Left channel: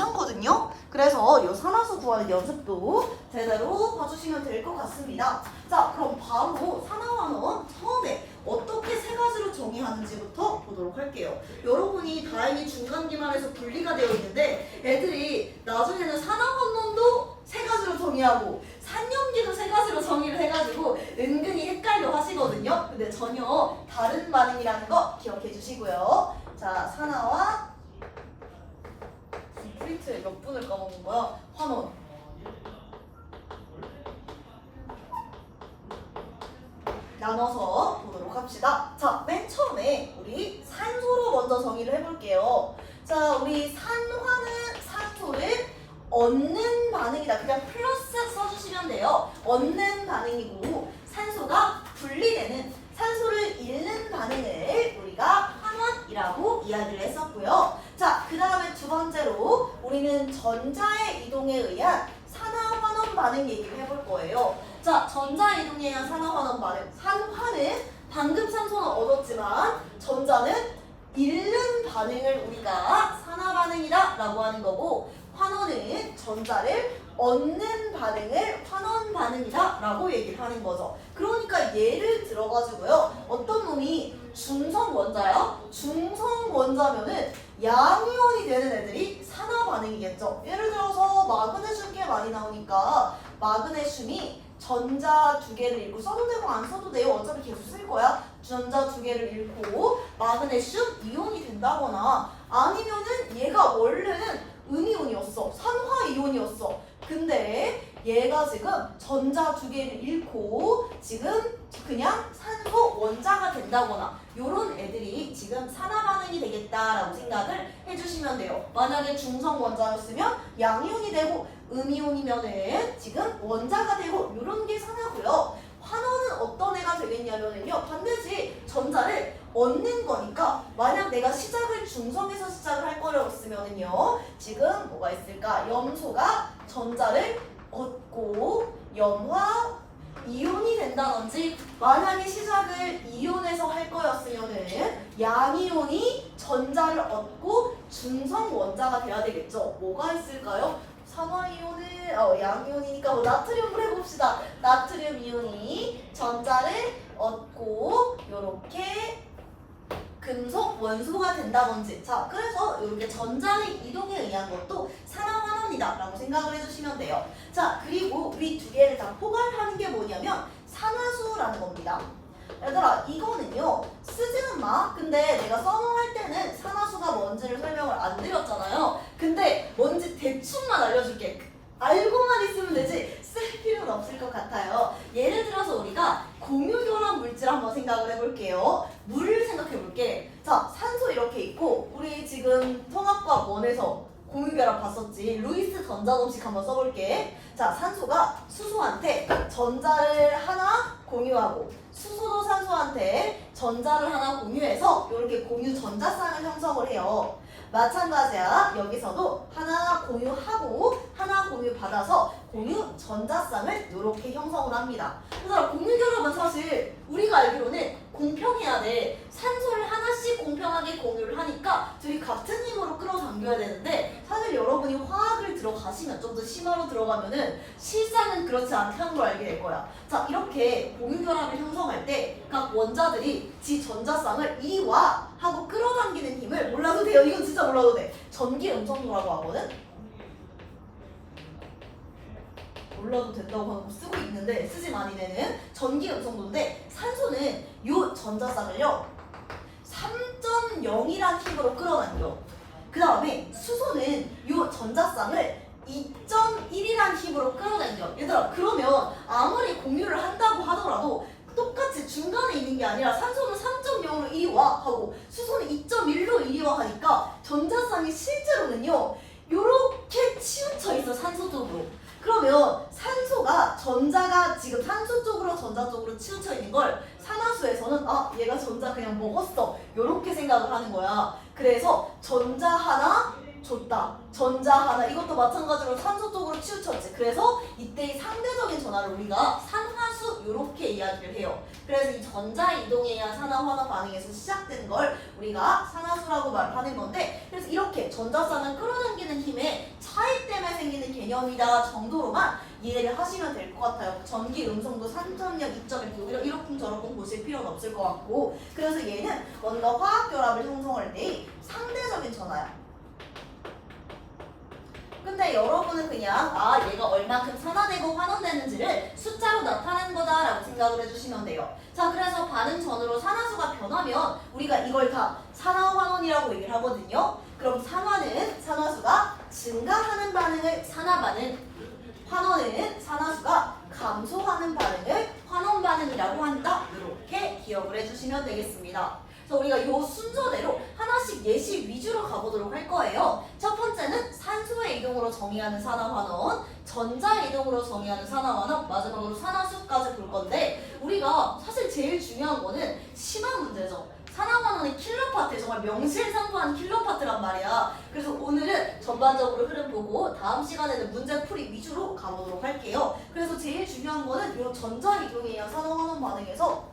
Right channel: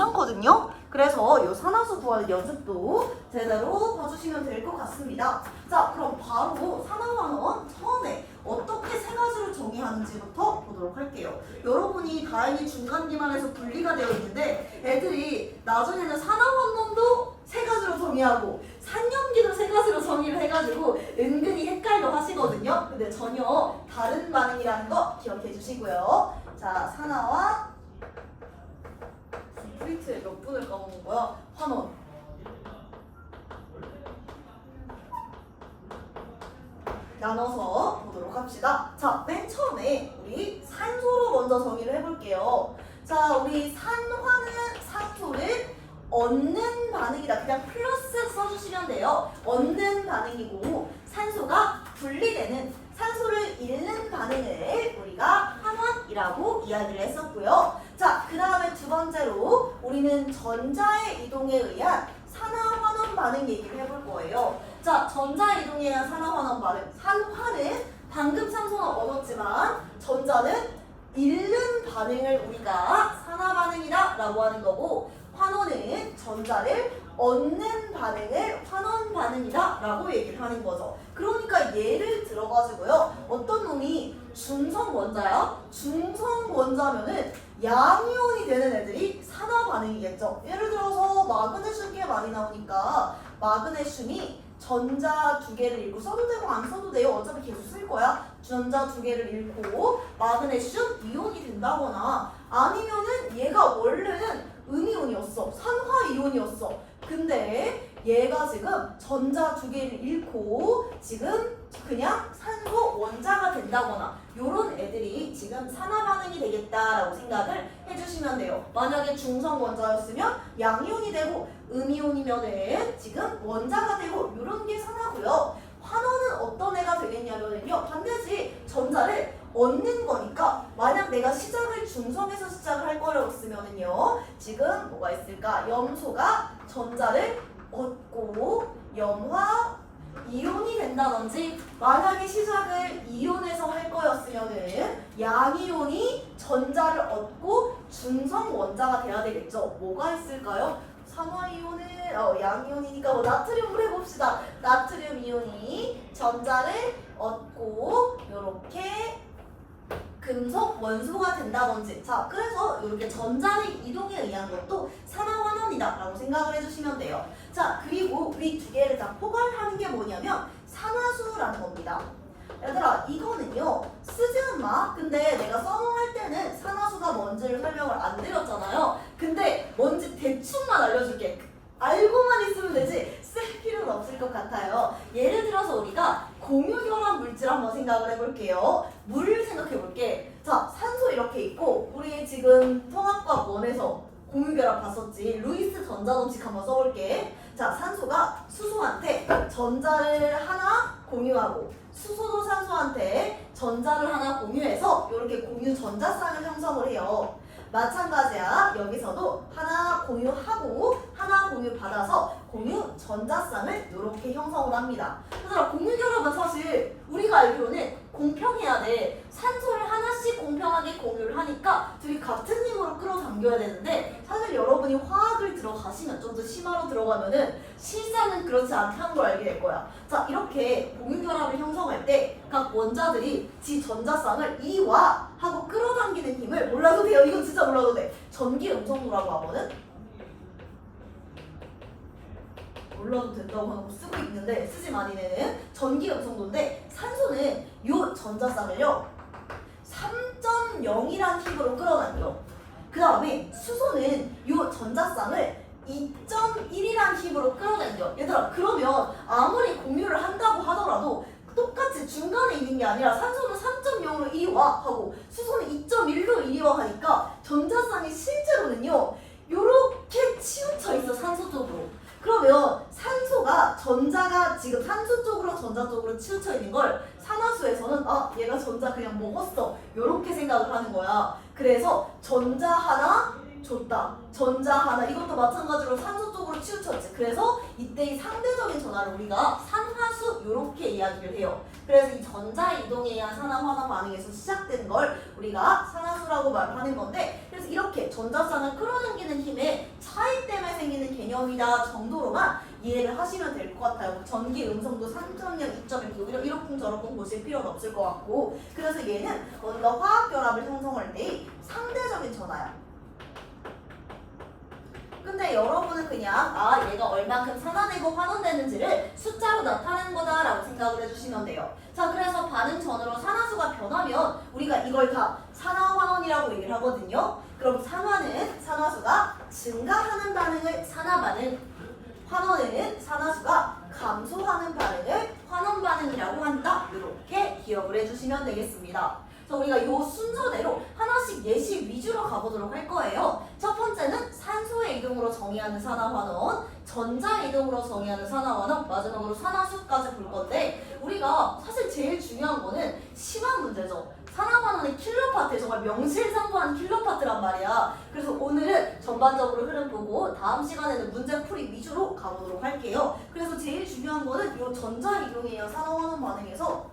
괜찮거든요. 그래서 이 산화수 구하는 연습도 제대로 봐주시면 될 것 같습니다. 자, 그럼 바로 산화환원 처음에 어떻게 세 가지로 정의하는지부터 보도록 할게요. 여러분이 다행히 중간 기말에서 분리가 되어 있는데 애들이 나중에는 산화환원도 세 가지로 정의하고 산염기도 세 가지로 정의를 해가지고 은근히 헷갈려 하시거든요. 근데 전혀 다른 반응이라는 거 기억해 주시고요. 자, 산화와 프린트 몇 분을 까먹은 거야? 환원. 나눠서 보도록 합시다. 자, 맨 처음에 우리 산소로 먼저 정의를 해볼게요. 자, 우리 산화는 산소를 얻는 반응이다. 그냥 플러스 써주시면 돼요. 얻는 반응이고 산소가 분리되는, 산소를 잃는 반응을 우리가 환원이라고 이야기를 했었고요. 자, 그 다음에 두 번째로 우리는 전자의 이동에 의한 산화환원 반응 얘기를 해볼 거예요. 자, 전자의 이동에 의한 산화환원 반응. 산화는 방금 산소는 얻었지만 전자는 잃는 반응을 우리가 산화 반응이다 라고 하는 거고, 환원은 전자를 얻는 반응을 환원 반응이다 라고 얘기를 하는 거죠. 그러니까 예를 들어가지고요, 어떤 놈이 중성 원자야? 중성 원자면은 양이온이 되는 애들이 산화 반응이겠죠. 예를 들어서 마그네슘 많이 나오니까 마그네슘이 전자 두 개를 잃고, 써도 되고 안 써도 돼요. 어차피 계속 쓸 거야. 전자 두 개를 잃고 마그네슘 이온이 된다거나, 아니면은 얘가 원래는 음이온이었어. 산화 이온이었어. 근데 얘가 지금 전자 두 개를 잃고 지금 그냥 산소 원자가 된다거나, 요런 애들이 지금 산화 반응이 되겠다라고 생각을 해주시면 돼요. 만약에 중성 원자였으면 양이온이 되고, 음이온이면은 지금 원자가 되고, 요런 게 산화고요. 환원은 어떤 애가 되겠냐면요, 반드시 전자를 얻는 거니까, 만약 내가 시작을 중성에서 시작을 할 거였으면은요, 지금 뭐가 있을까? 염소가 전자를 얻고 염화 이온이 된다든지, 만약에 시작을 이온에서 할 거였으면은 양이온이 전자를 얻고 중성 원자가 돼야 되겠죠. 뭐가 있을까요? 산화이온은 양이온이니까 뭐 나트륨을 해봅시다. 나트륨 이온이 전자를 얻고 요렇게 금속 원소가 된다든지. 자, 그래서 이렇게 전자의 이동에 의한 것도 산화환원이다 라고 생각을 해주시면 돼요. 자, 그리고 우리 두 개를 다 포괄하는 게 뭐냐면 산화수라는 겁니다. 얘들아, 이거는요 쓰지는 마. 근데 내가 써놓을 때는 산화수가 뭔지를 설명을 안 드렸잖아요. 근데 뭔지 대충만 알려줄게. 알고만 있으면 되지 쓸 필요는 없을 것 같아요. 예를 들어서 우리가 공유결합 물질 한번 생각을 해볼게요. 물을 생각해볼게. 자, 산소 이렇게 있고, 우리 지금 통합과학 1에서 공유결합 봤었지. 루이스 전자법칙 한번 써볼게. 자, 산소가 수소한테 전자를 하나 공유하고, 수소도 산소한테 전자를 하나 공유해서 이렇게 공유 전자쌍을 형성을 해요. 마찬가지야. 여기서도 하나 공유하고 하나 공유 받아서 공유 전자쌍을 이렇게 형성을 합니다. 그래서 공유결합은 사실 우리가 알기로는 공평해야 돼. 산소를 하나씩 공평하게 공유를 하니까 둘이 같은 힘으로 끌어당겨야 되는데, 사실 여러분이 화학을 들어가시면, 좀 더 심화로 들어가면은 실상은 그렇지 않게 한 걸 알게 될 거야. 자, 이렇게 공유결합을 형성할 때 각 원자들이 지 전자쌍을 이리 와 하고 끌어당기는 힘을, 몰라도 돼요. 이건 진짜 몰라도 돼. 전기 음성도라고 하거든. 몰라도 된다고 하고 쓰고 있는데 쓰지 많이 되는 전기 음성도인데, 산소는 요 전자쌍을요 3.0이란 힘으로 끌어당겨. 그 다음에 수소는 요 전자쌍을 2.1이란 힘으로 끌어당겨. 얘들아, 그러면 아무리 공유를 한다고 하더라도 똑같이 중간에 있는 게 아니라, 산소는 3.0으로 이리 와 하고 수소는 2.1로 이리 와 하니까 전자쌍이 실제로는요 요렇게 치우쳐 있어, 산소 쪽으로. 그러면 산소가, 전자가 지금 산소 쪽으로 전자 쪽으로 치우쳐 있는 걸 산화수에서는 얘가 전자 그냥 먹었어 요렇게 생각을 하는 거야. 그래서 전자 하나 줬다, 전자 하나, 이것도 마찬가지로 산소 쪽으로 치우쳤지. 그래서 이때의 상대적인 전화를 우리가 산화수 요렇게 이야기를 해요. 그래서 이 전자 이동에 의한 산화환원 반응에서 시작된 걸 우리가 산화수라고 말을 하는 건데, 그래서 이렇게 전자쌍을 끌어당기는 힘에 개념이다 정도로만 이해를 하시면 될 것 같아요. 전기, 음성도 3.0, 2.1 이러쿵저러쿵 보실 필요는 없을 것 같고, 그래서 얘는 먼저 화학결합을 형성할 때의 상대적인 전화야. 근데 여러분은 그냥 얘가 얼마큼 산화되고 환원되는지를 숫자로 나타낸 거다라고 생각을 해주시면 돼요. 자, 그래서 반응 전으로 산화수가 변하면 우리가 이걸 다 산화환원이라고 얘기를 하거든요. 그럼 산화수가 증가하는 반응을 산화반응, 환원은 산화수가 감소하는 반응을 환원 반응이라고 한다. 이렇게 기억을 해주시면 되겠습니다. 그래서 우리가 이 순서대로 하나씩 예시 위주로 가보도록 할 거예요. 첫 번째는 산소의 이동으로 정의하는 산화환원, 전자의 이동으로 정의하는 산화환원, 마지막으로 산화수까지 볼 건데, 우리가 사실 제일 중요한 거는 심한 문제죠. 산화환원의 킬로파트, 정말 명실상부한 킬로파트란 말이야. 그래서 오늘은 전반적으로 흐름 보고 다음 시간에는 문제풀이 위주로 가보도록 할게요. 그래서 제일 중요한 거는 이 전자이동에 의한 산화환원 반응에서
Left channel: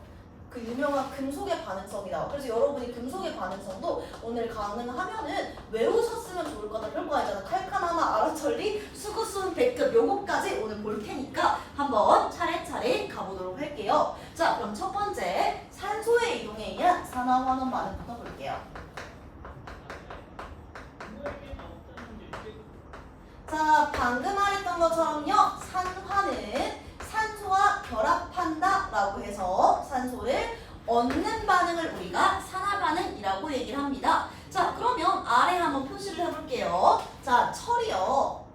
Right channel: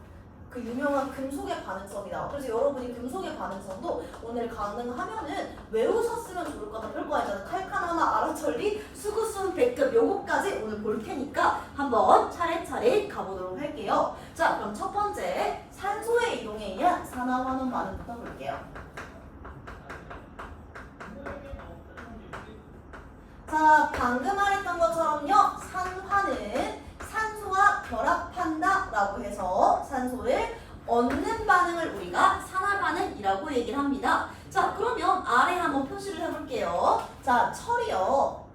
그 유명한 금속의 반응성이 나와. 그래서 여러분이 금속의 반응성도 오늘 가능하면은 외우셨으면 좋을 거다. 그럴 거 아니잖아. 칼카나마, 아라천리, 수구수은, 백급 요거까지 오늘 볼 테니까 한번 차례차례 가보도록 할게요. 자, 그럼 첫 번째 산소의 이동에 의한 산화환원 반응부터 볼게요. 자, 방금 말했던 것처럼요. 산화는 산소와 결합한다 라고 해서 산소를 얻는 반응을 우리가 산화반응이라고 얘기를 합니다. 자, 그러면 아래 한번 표시를 해볼게요. 자, 철이요.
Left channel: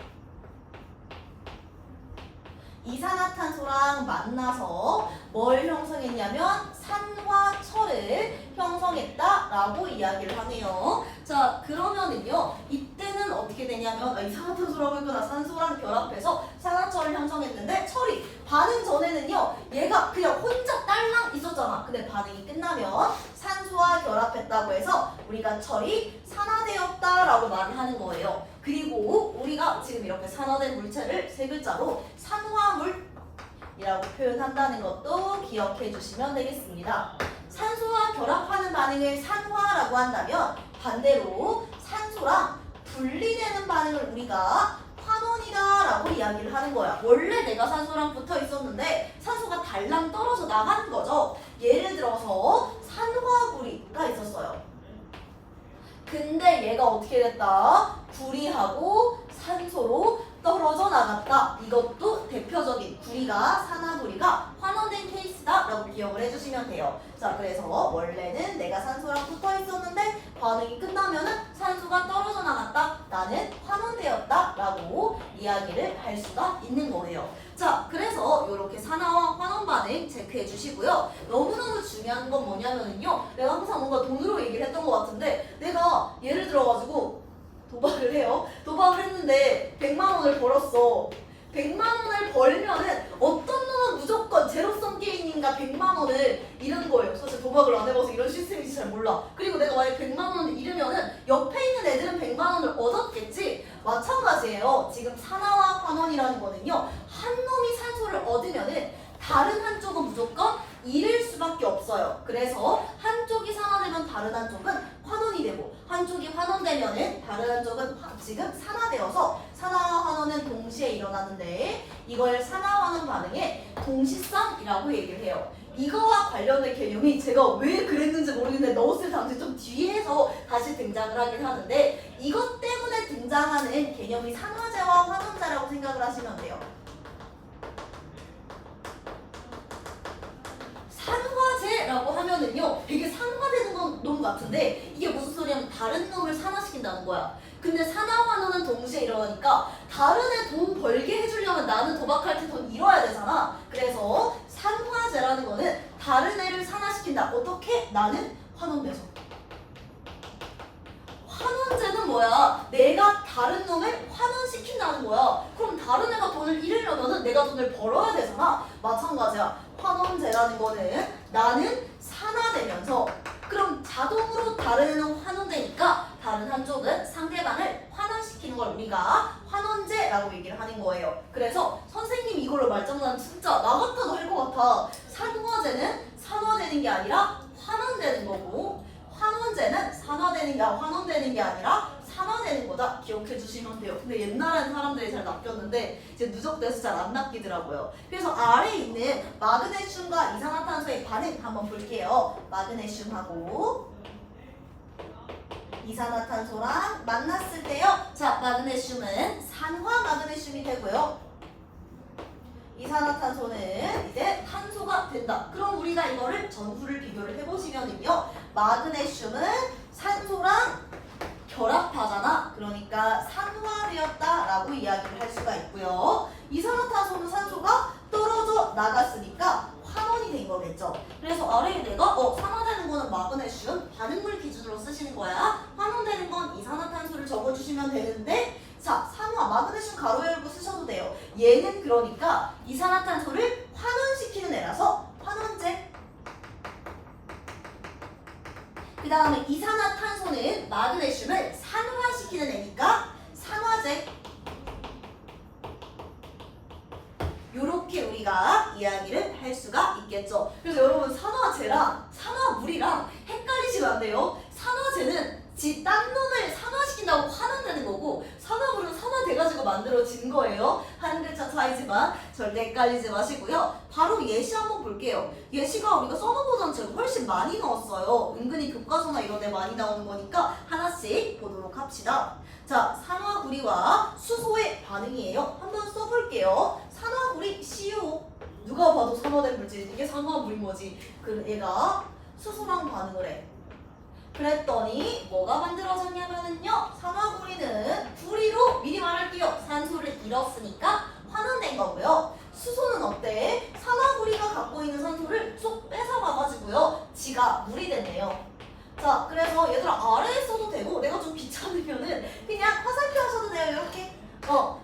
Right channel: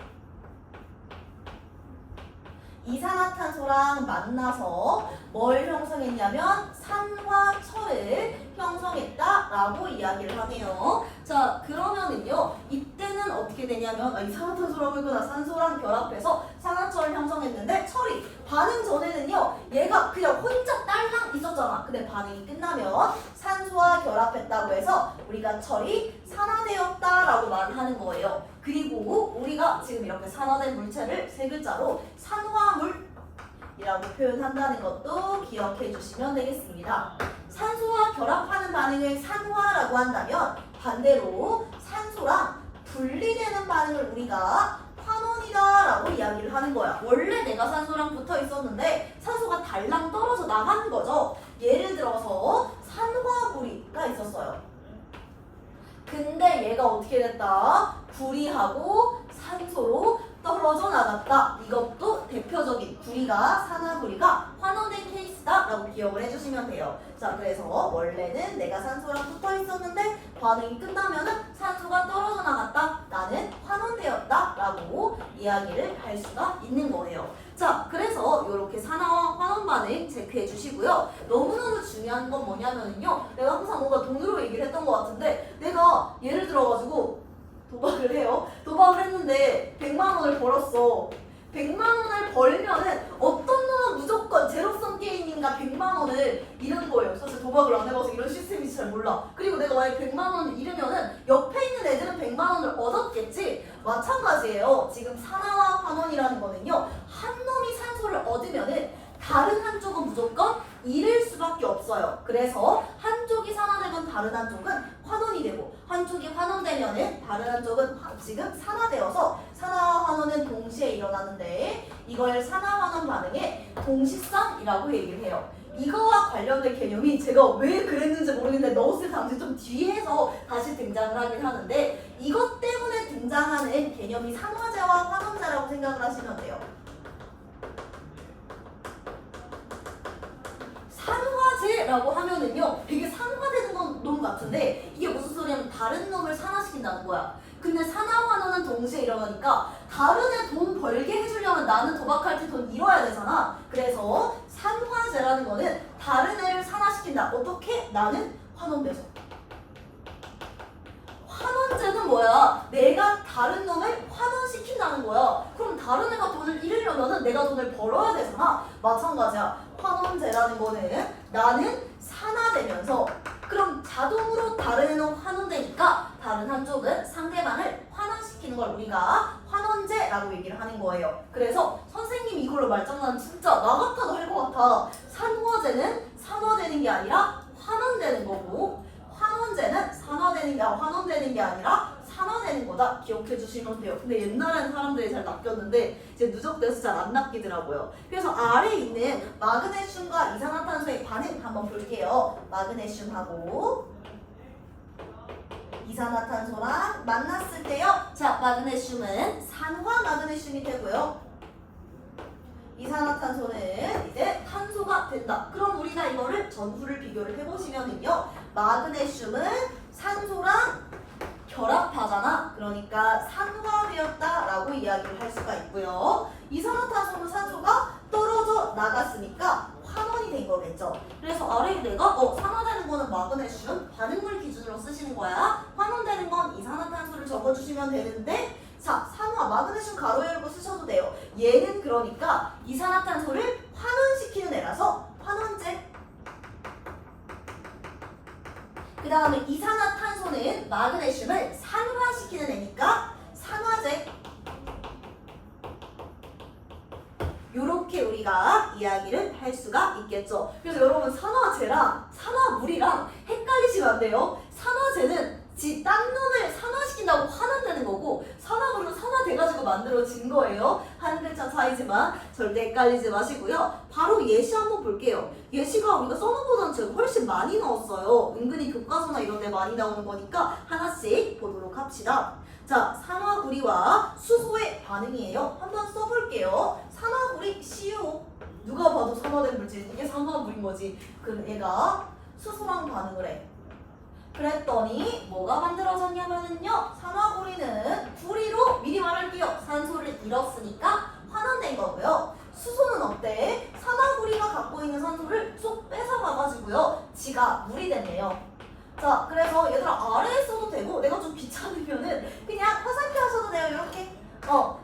이산화탄소랑 만나서 뭘 형성했냐면 산화철을 형성했다라고 이야기를 하네요. 자, 그러면은요, 이때는 어떻게 되냐면 이산화탄소라고 했구나. 산소랑 결합해서 산화철을 형성했는데 철이 반응 전에는요, 얘가 그냥 혼자 딸랑 있었잖아. 근데 반응이 끝나면 산소와 결합했다고 해서 우리가 철이 산화되었다라고 말을 하는 거예요. 그리고 우리가 지금 이렇게 산화된 물체를 세 글자로 산화물이라고 표현한다는 것도 기억해 주시면 되겠습니다. 산소와 결합하는 반응을 산화라고 한다면 반대로 산소랑 분리되는 반응을 우리가 환원이다라고 이야기를 하는 거야. 원래 내가 산소랑 붙어 있었는데 산소가 달랑 떨어져 나가는 거죠. 예를 들어서 산화구리가 있었어요. 근데 얘가 어떻게 됐다? 구리하고 산소로 떨어져 나갔다. 이것도 대표적인 구리가 산화구리가 환원된 케이스다라고 기억을 해주시면 돼요. 자, 그래서 원래는 내가 산소랑 붙어 있었는데 반응이 끝나면은 산소가 떨어져 나갔다. 나는 환원되었다라고 이야기를 할 수가 있는 거예요. 자, 그래서 이렇게 산화와 환원 반응 체크해 주시고요. 너무너무 중요한 건 뭐냐면요. 내가 항상 뭔가 돈으로 얘기를 했던 것 같은데 내가 예를 들어가지고 도박을 해요. 도박을 했는데 100만 원을 벌었어. 100만 원을 벌면은 어떤 놈은 무조건 제로섬 게임인가 100만 원을 잃은 거예요. 사실 도박을 안 해봐서 이런 시스템인지 잘 몰라. 그리고 내가 만약 100만 원을 잃으면은 옆에 있는 애들은 100만 원을 얻었겠지. 마찬가지예요. 지금 산화와 환원이라는 거는요. 한 놈이 산소를 얻으면은 다른 한쪽은 무조건 잃을 수밖에 없어요. 그래서 한쪽이 산화되면 다른 한쪽은 환원이 되고 한쪽이 환원되면은 다른 한쪽은 지금 산화되어서 산화와 환원은 동시에 일어나는데 이걸 산화환원 반응의 동시성이라고 얘기를 해요. 이거와 관련된 개념이 제가 왜 그랬는지 모르겠는데 넣었을 당시 좀 뒤에서 다시 등장을 하긴 하는데 이것 때문에 등장하는 개념이 산화제와 환원제라고 생각을 하시면 돼요. 산화제라고 하면은요 되게 산화되는 놈 같은데 이게 무슨 소리냐면 다른 놈을 산화시킨다는 거야. 근데 산화환원은 동시에 일어나니까 다른 애 돈 벌게 해주려면 나는 도박할 때 돈 잃어야 되잖아. 그래서 산화제라는 거는 다른 애를 산화시킨다. 어떻게? 나는 환원돼서. 환원제는 뭐야? 내가 다른 놈을 환원시킨다는 거야. 그럼 다른 애가 돈을 잃으려면 내가 돈을 벌어야 되잖아. 마찬가지야. 환원제라는 거는 나는 산화되면서 그럼 자동으로 다른 애는 환원되니까 다른 한쪽은 상대방을 환원시키는 걸 우리가 환원제라고 얘기를 하는 거예요. 그래서 선생님이 이걸로 말장난 진짜 나 같아도 할 것 같아. 산화제는 산화되는 게 아니라 환원되는 거고 환원제는 산화되는 게 환원되는 게 아니라 산화되는 거다 기억해 주시면 돼요. 근데 옛날엔 사람들이 잘 낚였는데 이제 누적돼서 잘 안 낚이더라고요. 그래서 아래에 있는 마그네슘과 이산화탄소의 반응 한번 볼게요. 마그네슘하고 이산화탄소랑 만났을 때요. 자, 마그네슘은 산화 마그네슘이 되고요. 이산화탄소는 이제 탄소가 된다. 그럼 우리가 이거를 전후를 비교를 해보시면은요. 마그네슘은 산소랑 결합하잖아. 그러니까 산화되었다라고 이야기를 할 수가 있고요. 이산화탄소는 산소가 떨어져 나갔으니까 환원이 된 거겠죠. 그래서 아래에 내가 산화되는 거는 마그네슘 반응물 기준으로 쓰시는 거야. 환원되는 건 이산화탄소를 적어주시면 되는데 자, 산화 마그네슘 가로 열고 쓰셔도 돼요. 얘는 그러니까 이산화탄소를 환원시키는 애라서 환원제. 그 다음에 이산화탄소는 마그네슘을 산화시키는 애니까 산화제. 요렇게 우리가 이야기를 할 수가 있겠죠. 그래서 여러분 산화제랑 산화물이랑 헷갈리시면 안 돼요. 산화제는 지 딴 놈을 산화시킨다고 환원되는 거고 산화물은 산화돼가지고 만들어진 거예요. 한 글자 차이지만 절대 헷갈리지 마시고요. 바로 예시 한번 볼게요. 예시가 우리가 써놓은 제가 훨씬 많이 넣었어요. 은근히 교과서나 이런 데 많이 나오는 거니까 하나씩 보도록 합시다. 자, 산화구리와 수소의 반응이에요. 한번 써볼게요. 산화구리 CuO. 누가 봐도 산화된 물질. 이게 산화물인 거지. 그럼 얘가 수소랑 반응을 해. 그랬더니 뭐가 만들어졌냐면은요. 산화구리는 구리로 미리 말할게요. 산소를 잃었으니까 환원된 거고요. 수소는 어때? 산화구리가 갖고 있는 산소를 쏙 뺏어가가지고요. 지가 물이 됐네요. 자, 그래서 얘들아 아래에 써도 되고 내가 좀 귀찮으면은 그냥 화살표 하셔도 돼요. 이렇게.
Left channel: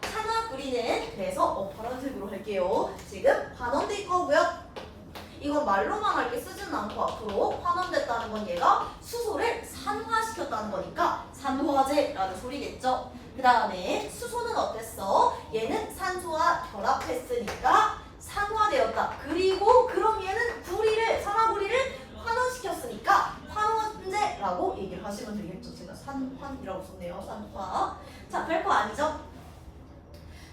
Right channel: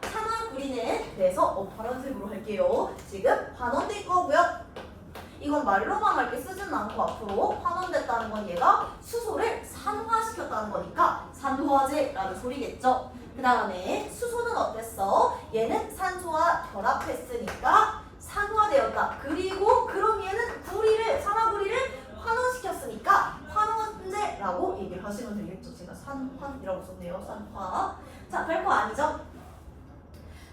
산화구리는 그래서 파란색으로 할게요. 지금 환원될 거고요. 이건 말로만 할게 쓰진 않고 앞으로 환원됐다는 건 얘가 수소를 산화시켰다는 거니까 산화제라는 소리겠죠. 그 다음에 수소는 어땠어? 얘는 산소와 결합했으니까 산화되었다. 그리고 그럼 얘는 산화구리를 환원시켰으니까 환원제라고 얘기를 하시면 되겠죠. 제가 산환이라고 썼네요. 산화. 자, 별거 아니죠?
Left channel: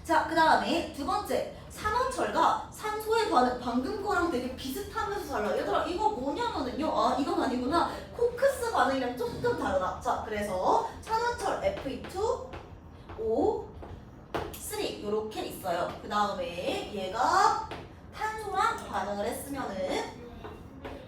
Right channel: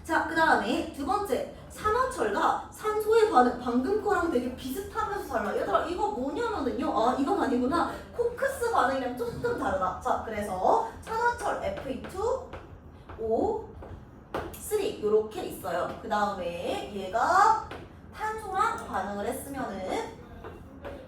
자, 그 다음에 두 번째 산화철과 산소의 반응 방금 거랑 되게 비슷하면서 달라. 얘들아 이거 뭐냐면은요. 이건 아니구나. 코크스 반응이랑 조금 다르다. 자, 그래서 산화철 Fe2O3 이렇게 있어요. 그 다음에 얘가 탄소랑 반응을 했으면은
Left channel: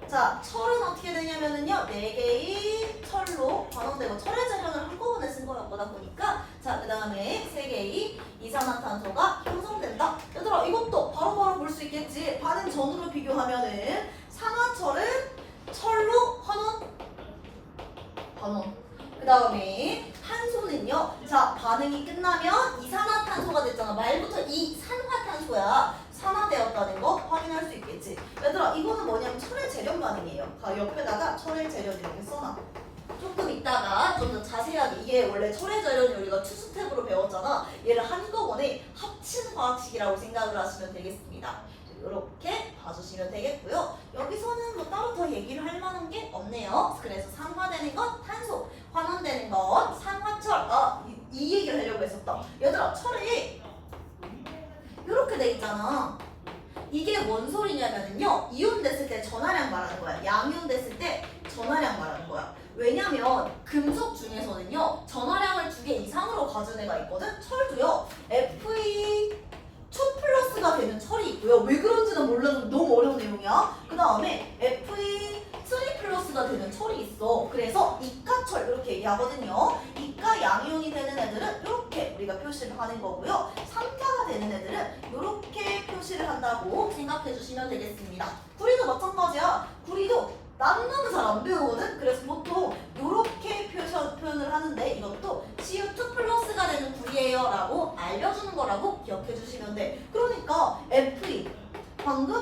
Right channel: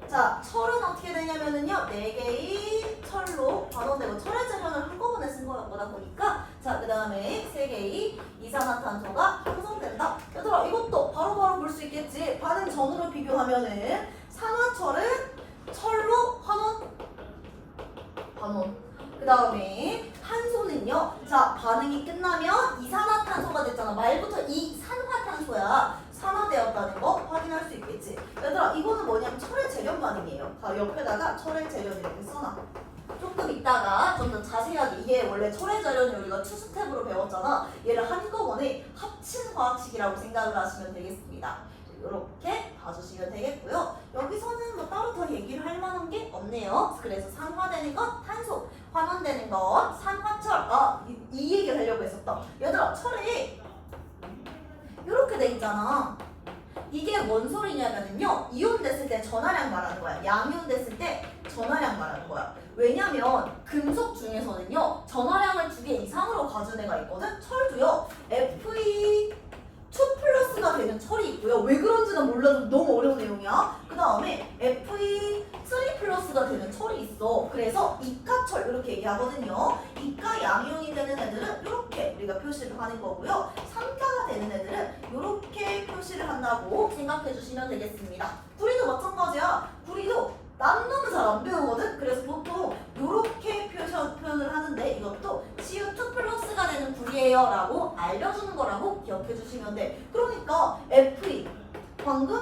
자, 철은 어떻게 되냐면은요. 4개의 철로 반응되고 철의 재련을 한꺼번에 쓴 거다 보니까 자, 그 다음에 3개의 이산화탄소가 형성된다. 얘들아 이것도 바로바로 볼 수 있겠지. 반응 전후로 비교하면은 산화철은 철로 환원. 그 다음에 탄소는요. 자, 반응이 끝나면 이산화탄소가 됐잖아. 말부터 이산화탄소야. 산화되었다는 거 확인할 수 있겠지. 얘들아 이거는 뭐냐면 철의 재련 반응이에요. 바로 옆에다가 철의 재련 이렇게 써놔. 조금 이따가 좀 더 자세하게 이게 원래 철의 재련이 우리가 2스텝으로 배웠잖아. 얘를 한꺼번에 합친 화학식이라고 생각을 하시면 되겠습니다. 이렇게 봐주시면 되겠고요. 여기서는 뭐 따로 더 얘기를 할 만한 게 없네요. 그래서 산화되는 건 탄소, 환원되는 건 산화철. 이 얘기를 하려고 했었다. 얘들아 철에 이렇게 돼 있잖아. 이게 뭔 소리냐면요. 이온 됐을 때 전하량 말하는 거야. 양이온 됐을 때 전하량 말하는 거야. 왜냐면 금속 중에서는요. 전하량을 2개 이상으로 가진 애가 있거든. 철도요. Fe2+가 되는 철이 있고요. 왜 그런지는 몰라도 너무 어려운 내용이야. 그 다음에 Fe3+가 되는 철이 있어. 그래서 이가철 이렇게 얘기하거든요. 이가 양이온이 되는 애들은 이렇게 우리가 표시를 하는 거고요. 삼가가 되는 애들은 이렇게 표시를 한다고 생각해 주시면 되겠습니다. 구리도 마찬가지야. 구리도 남놈은 잘 안 배우거든. 그래서 보통 이렇게 표현을 하는데 이것도 Cu2+가 되는 구리예요 라고 알려주는 거라고 기억해 주시면 돼. 그러니까 Fe 방금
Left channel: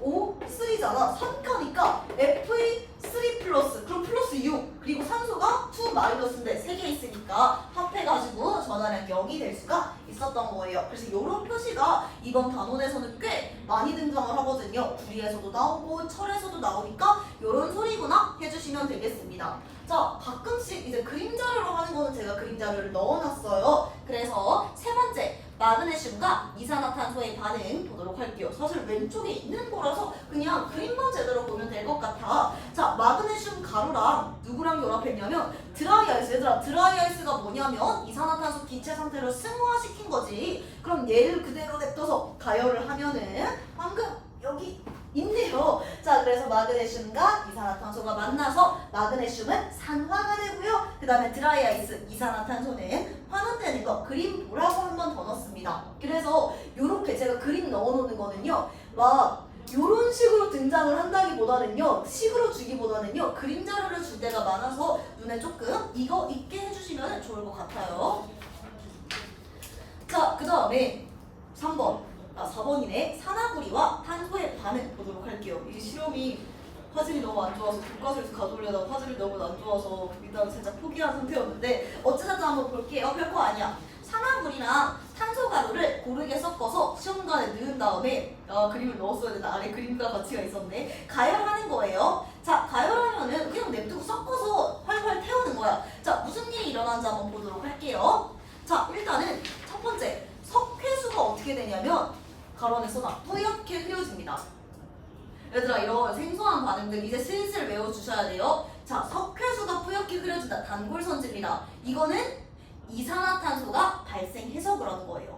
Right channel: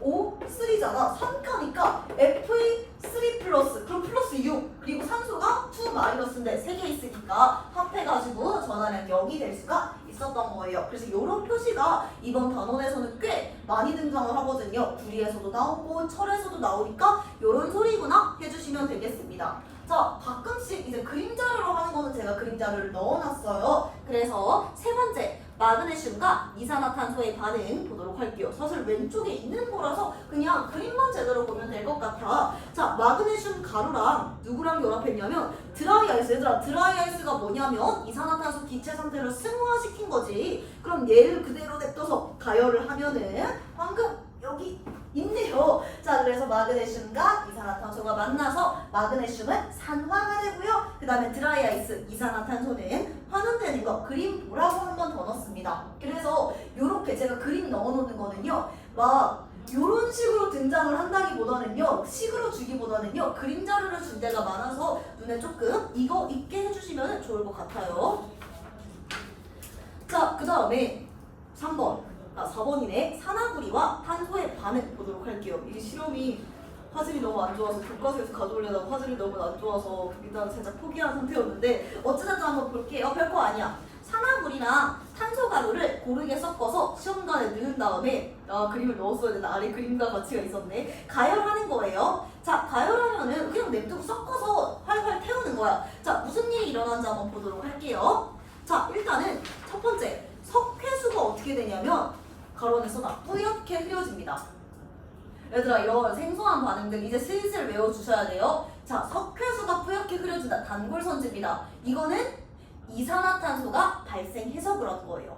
2O3잖아. 3가니까 Fe3+, 그럼 플러스 6 그리고 산소가 2-인데 3개 있으니까 합해가지고 전하량 0이 될 수가 있었던 거예요. 그래서 이런 표시가 이번 단원에서는 꽤 많이 등장을 하거든요. 구리에서도 나오고 철에서도 나오니까 이런 소리구나 해주시면 되겠습니다. 자, 가끔씩 이제 그림 자료로 하는 거는 제가 그림 자료를 넣어놨어요. 그래서 세 번째, 마그네슘과 이산화탄소의 반응 보도록 할게요. 사실 왼쪽에 있는 거라서 그냥 그림만 제대로 보면 될 것 같아. 자, 마그네슘 가루랑 누구랑 결합했냐면 드라이 아이스. 얘들아, 드라이 아이스가 뭐냐면 이산화탄소 기체 상태를 승화시킨 거지. 그럼 얘를 그대로 냅둬서 가열을 하면은 방금 여기 있네요. 자, 그래서 마그네슘과 이산화탄소가 만나서 마그네슘은 산화가 되고요. 그 다음에 드라이 아이스, 이산화탄소는 환원되는 거 그림 보라고 한 번 더 넣습니다. 그래서 요렇게 제가 그림 넣어놓는 거는요. 막 요런 식으로 등장을 한다기보다는요. 식으로 주기보다는요. 그림 자료를 줄 때가 많아서 눈에 조금 이거 있게 해주시면 좋을 것 같아요. 자, 그 다음에 3번. 4번이네. 산화구리와 탄소의 반응 보도록 할게요. 이 실험이 화질이 너무 안 좋아서 교과서에서 가져오려다가 화질이 너무 안 좋아서 일단 살짝 포기한 상태였는데 어찌됐든 한번 볼게요. 별거 아니야. 산화물이랑 탄소가루를 고르게 섞어서 시험관에 넣은 다음에 그림을 넣었어야 된다. 아래 그림과 가치가 있었네. 가열하는 거예요. 자, 가열하면은 그냥 냅두고 섞어서 활활 태우는 거야. 자, 무슨 일이 일어나는지 한번 보도록 할게요. 자, 일단은 첫 번째, 석회수가 어떻게 되냐면 가로 안에 써놔. 뿌옇게 흐려집니다. 얘들아, 이런 생소한 반응들 이제 슬슬 외워주셔야 돼요. 자, 석회수가 뿌옇게 흐려진다. 단골선지입니다. 이거는 이산화탄소가 발생해서 그런 거예요.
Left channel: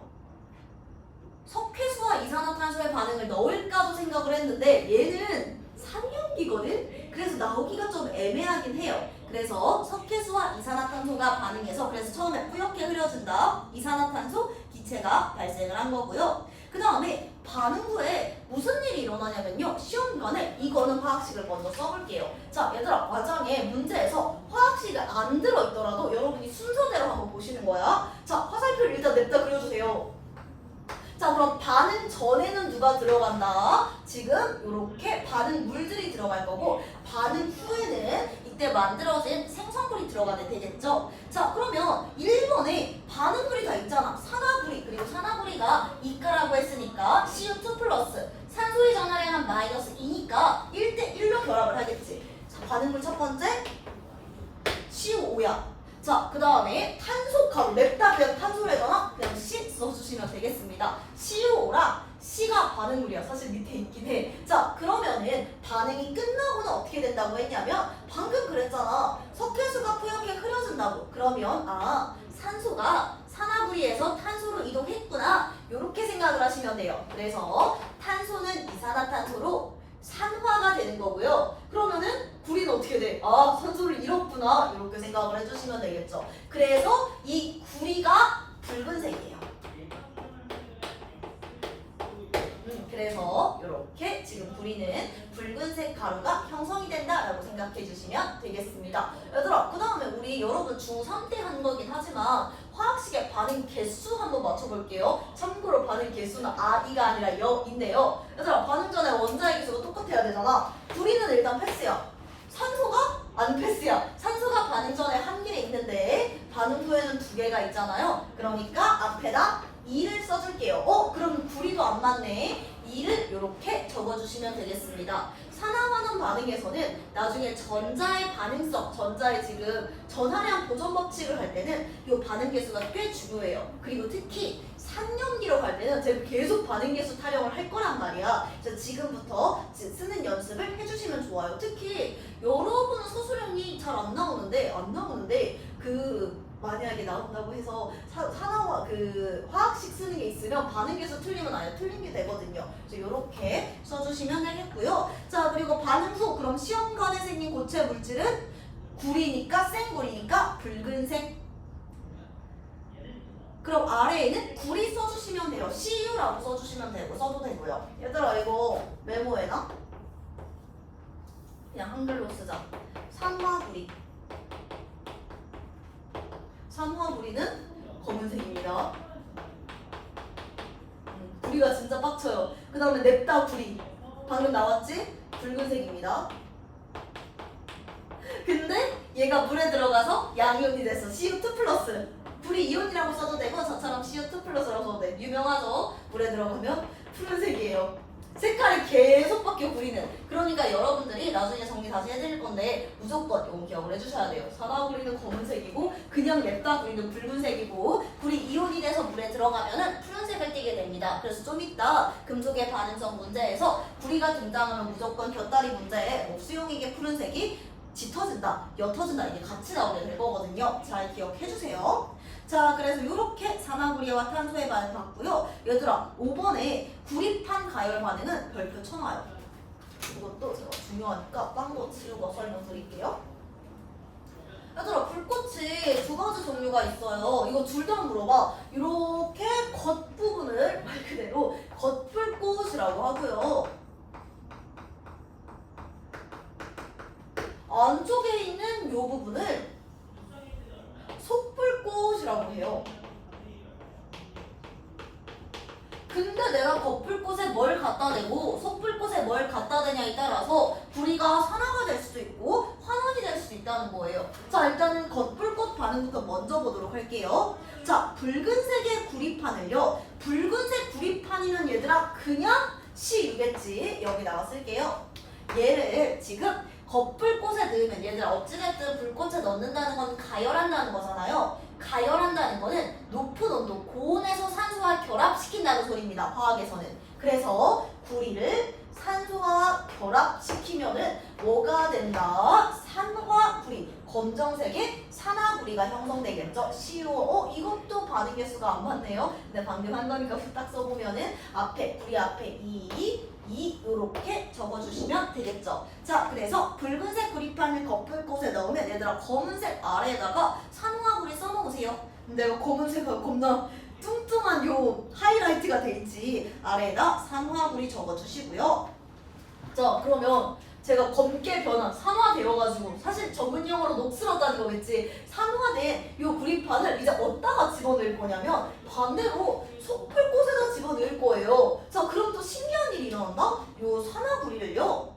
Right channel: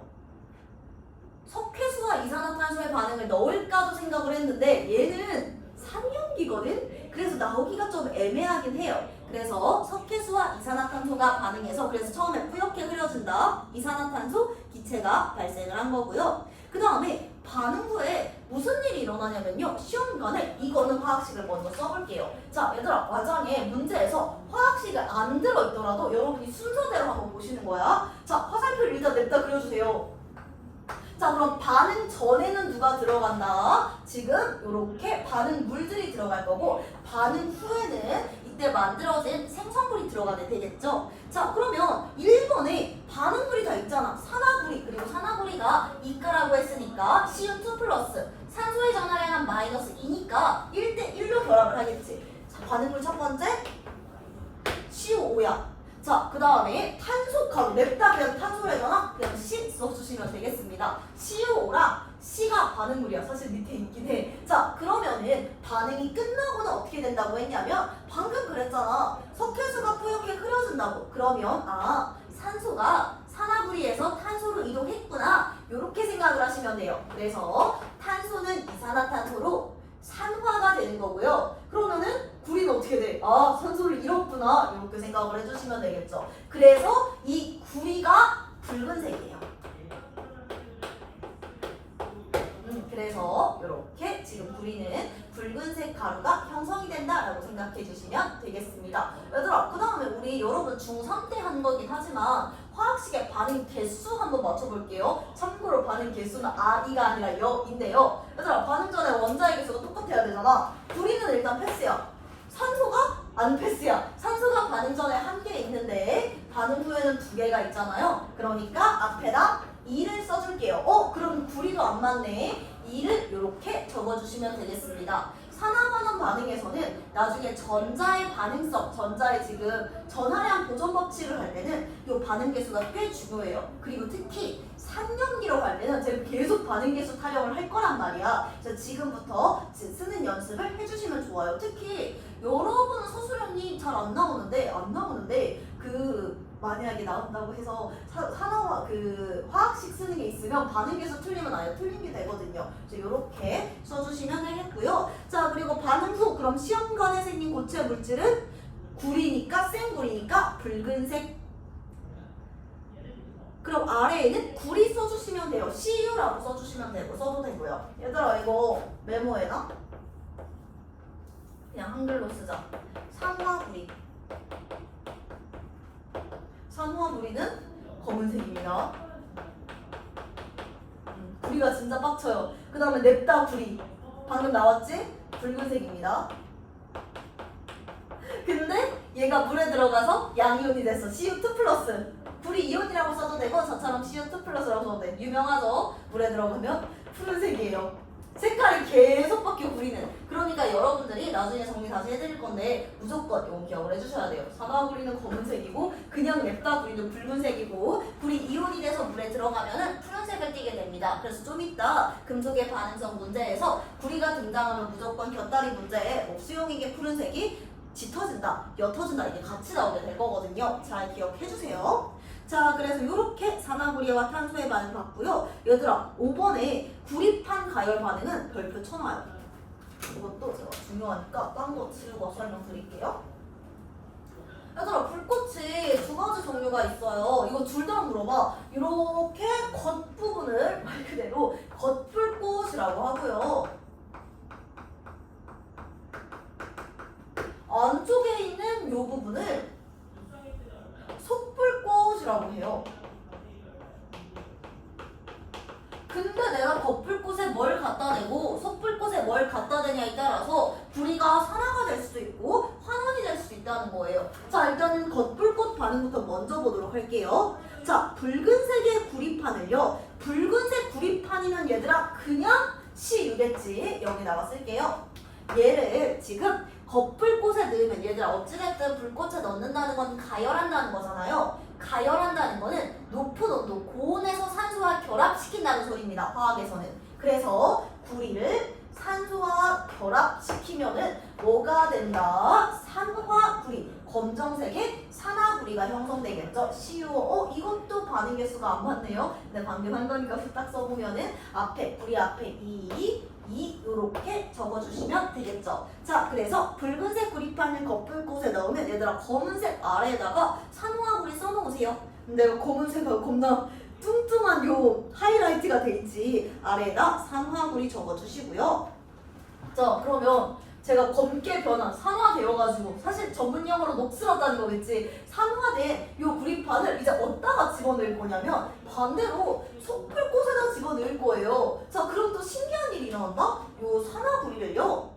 석회수와 이산화탄소의 반응을 넣을까도 생각을 했는데 얘는 산염기거든? 그래서 나오기가 좀 애매하긴 해요. 그래서 석회수와 이산화탄소가 반응해서 그래서 처음에 뿌옇게 흐려진다. 이산화탄소 기체가 발생을 한 거고요. 그 다음에 반응 후에 무슨 일이 일어나냐면요. 시험관에 이거는 화학식을 먼저 써볼게요. 자, 얘들아, 과정에 문제에서 화학식을 안 들어있더라도 여러분이 순서대로 한번 보시는 거야. 자, 화살표를 일단 냅다 그려주세요. 자, 그럼 반응 전에는 누가 들어간다? 지금 이렇게 반응 물들이 들어갈 거고 반응 후에는 이때 만들어진 생성물이 들어가면 되겠죠? 자, 그러면 1번에 반응물이 다 있잖아. 산화구리, 그리고 산화구리가 이가라고 했으니까 CO2 플러스 산소의 전하량은 마이너스 2니까 1대1로 결합을 하겠지. 자, 반응물 첫 번째 CO5야. 자, 그 다음에 탄소 가루, 냅다 그냥 탄소래거나 그냥 C 써주시면 되겠습니다. CO5랑 C가 반응물이야. 사실 밑에 있긴 해. 자, 그러면은 반응이 끝나고는 어떻게 된다고 했냐면 방금 그랬잖아. 석회수가 뿌옇게 흐려진다고. 그러면 산소가 산화구리에서 탄소로 이동했구나. 이렇게 생각을 하시면 돼요. 그래서 탄소는 이산화탄소로 산화가 되는 거고요. 그러면은 구리는 어떻게 돼? 산소를 잃었구나. 이렇게 생각을 해주시면 되겠죠. 그래서 이 구리가 붉은색이에요. 그래서 이렇게 지금 구리는 붉은색 가루가 형성이 된다라고 생각해 주시면 되겠습니다. 얘들아, 그 다음에 우리 여러분 중3 때 한 거긴 하지만 화학식의 반응 개수 한번 맞춰볼게요. 참고로 반응 개수는 I가 아니라 여인데요. 얘들아, 반응 전에 원자의 개수가 똑같아야 되잖아. 구리는 일단 패스야. 산소가 안 패스야. 산소가 반응 전에 한 개 있는데 반응 후에는 두 개가 있잖아요. 그러니까 앞에다 2를 써줄게요. 그럼 구리도 안 맞네. 2를 이렇게 적어주시면 되겠습니다. 산화환원 반응에서는 나중에 전자의 반응성, 전자의 지금 전하량 보존 법칙을 할 때는 이 반응 개수가 꽤 중요해요. 그리고 특히 산염기로 갈 때는 제가 계속 반응 개수 타령을 할 거란 말이야. 그래서 지금부터 쓰는 연습을 해주시면 좋아요. 특히 여러분은 서술형이 잘 안 나오는데 만약에 나온다고 해서 화학식 쓰는 게 있으면 반응계수 틀리면 아예 틀린 게 되거든요. 그래서 이렇게 써주시면 되겠고요. 자, 그리고 반응 후 그럼 시험관에 생긴 고체 물질은 구리니까 생구리니까 붉은색. 그럼 아래에는 구리 써주시면 돼요. CU라고 써주시면 되고 써도 되고요. 얘들아, 이거 메모해놔. 그냥 한글로 쓰자. 산화구리. 산화구리는 검은색입니다. 구리가 진짜 빡쳐요. 그 다음에 냅다 구리. 방금 나왔지? 붉은색입니다. 근데 얘가 물에 들어가서 양이온이 됐어. CO2 플러스. 구리 이온이라고 써도 되고 저처럼 CO2 플러스라고 써도 돼. 유명하죠? 물에 들어가면 푸른색이에요. 색깔을 계속 바뀌어 구리는. 그러니까 여러분들이 나중에 정리 다시 해드릴 건데 무조건 이거 기억을 해주셔야 돼요. 산화 구리는 검은색이고 그냥 냅다 구리는 붉은색이고 구리 이온이 돼서 물에 들어가면은 푸른색을 띠게 됩니다. 그래서 좀 이따 금속의 반응성 문제에서 구리가 등장하면 무조건 곁다리 문제에 뭐 수용액의 푸른색이 짙어진다, 옅어진다 이게 같이 나오게 될 거거든요. 잘 기억해주세요. 자, 그래서 이렇게 산화구리와 탄소의 반응 봤고요. 얘들아, 5번에 구리판 가열 반응은 별표 쳐놔요. 이것도 제가 중요하니까 딴 거 지우고 설명드릴게요. 얘들아, 불꽃이 두 가지 종류가 있어요. 이거 둘 다 물어봐. 이렇게 겉부분을 말 그대로 겉불꽃이라고 하고요. 안쪽에 있는 이 부분을 속불꽃이라고 해요. 근데 내가 겉불꽃에 뭘 갖다 대고 속불꽃에 뭘 갖다 대냐에 따라서 구리가 산화가 될 수도 있고 환원이 될 수도 있다는 거예요. 자, 일단은 겉불꽃 반응부터 먼저 보도록 할게요. 자, 붉은색의 구리판을요. 붉은색 구리판이면 얘들아 그냥 CU겠지. 여기다가 쓸게요. 얘를 지금 겉불꽃에 넣으면 얘들아 어찌됐든 불꽃에 넣는다는 건 가열한다는 거잖아요. 가열한다는 거는 높은 온도, 고온에서 산소와 결합시킨다는 소리입니다. 화학에서는. 그래서 구리를 산소와 결합시키면은 뭐가 된다? 산화구리. 검정색의 산화구리가 형성되겠죠. CuO. 이것도 반응 개수가 안 맞네요. 근데 방금 한 거니까 후딱 써보면은 앞에 구리 앞에 2 이렇게 적어주시면 되겠죠. 자, 그래서 붉은색 구리판을 겉불꽃에 넣으면 얘들아 검은색 아래에다가 산화구리 써놓으세요. 근데 이거 검은색하고 겁나 뚱뚱한 요 하이라이트가 돼 있지. 아래에다 산화구리 적어주시고요. 자, 그러면 제가 검게 변한 산화되어가지고 사실 전문 용어로 녹슬었다는 거겠지. 산화된 요 구리판을 이제 어디다가 집어넣을 거냐면 반대로 속불꽃에다 집어넣을 거예요. 자, 그럼 또 신기한 일이 일어난다? 요 산화구리를요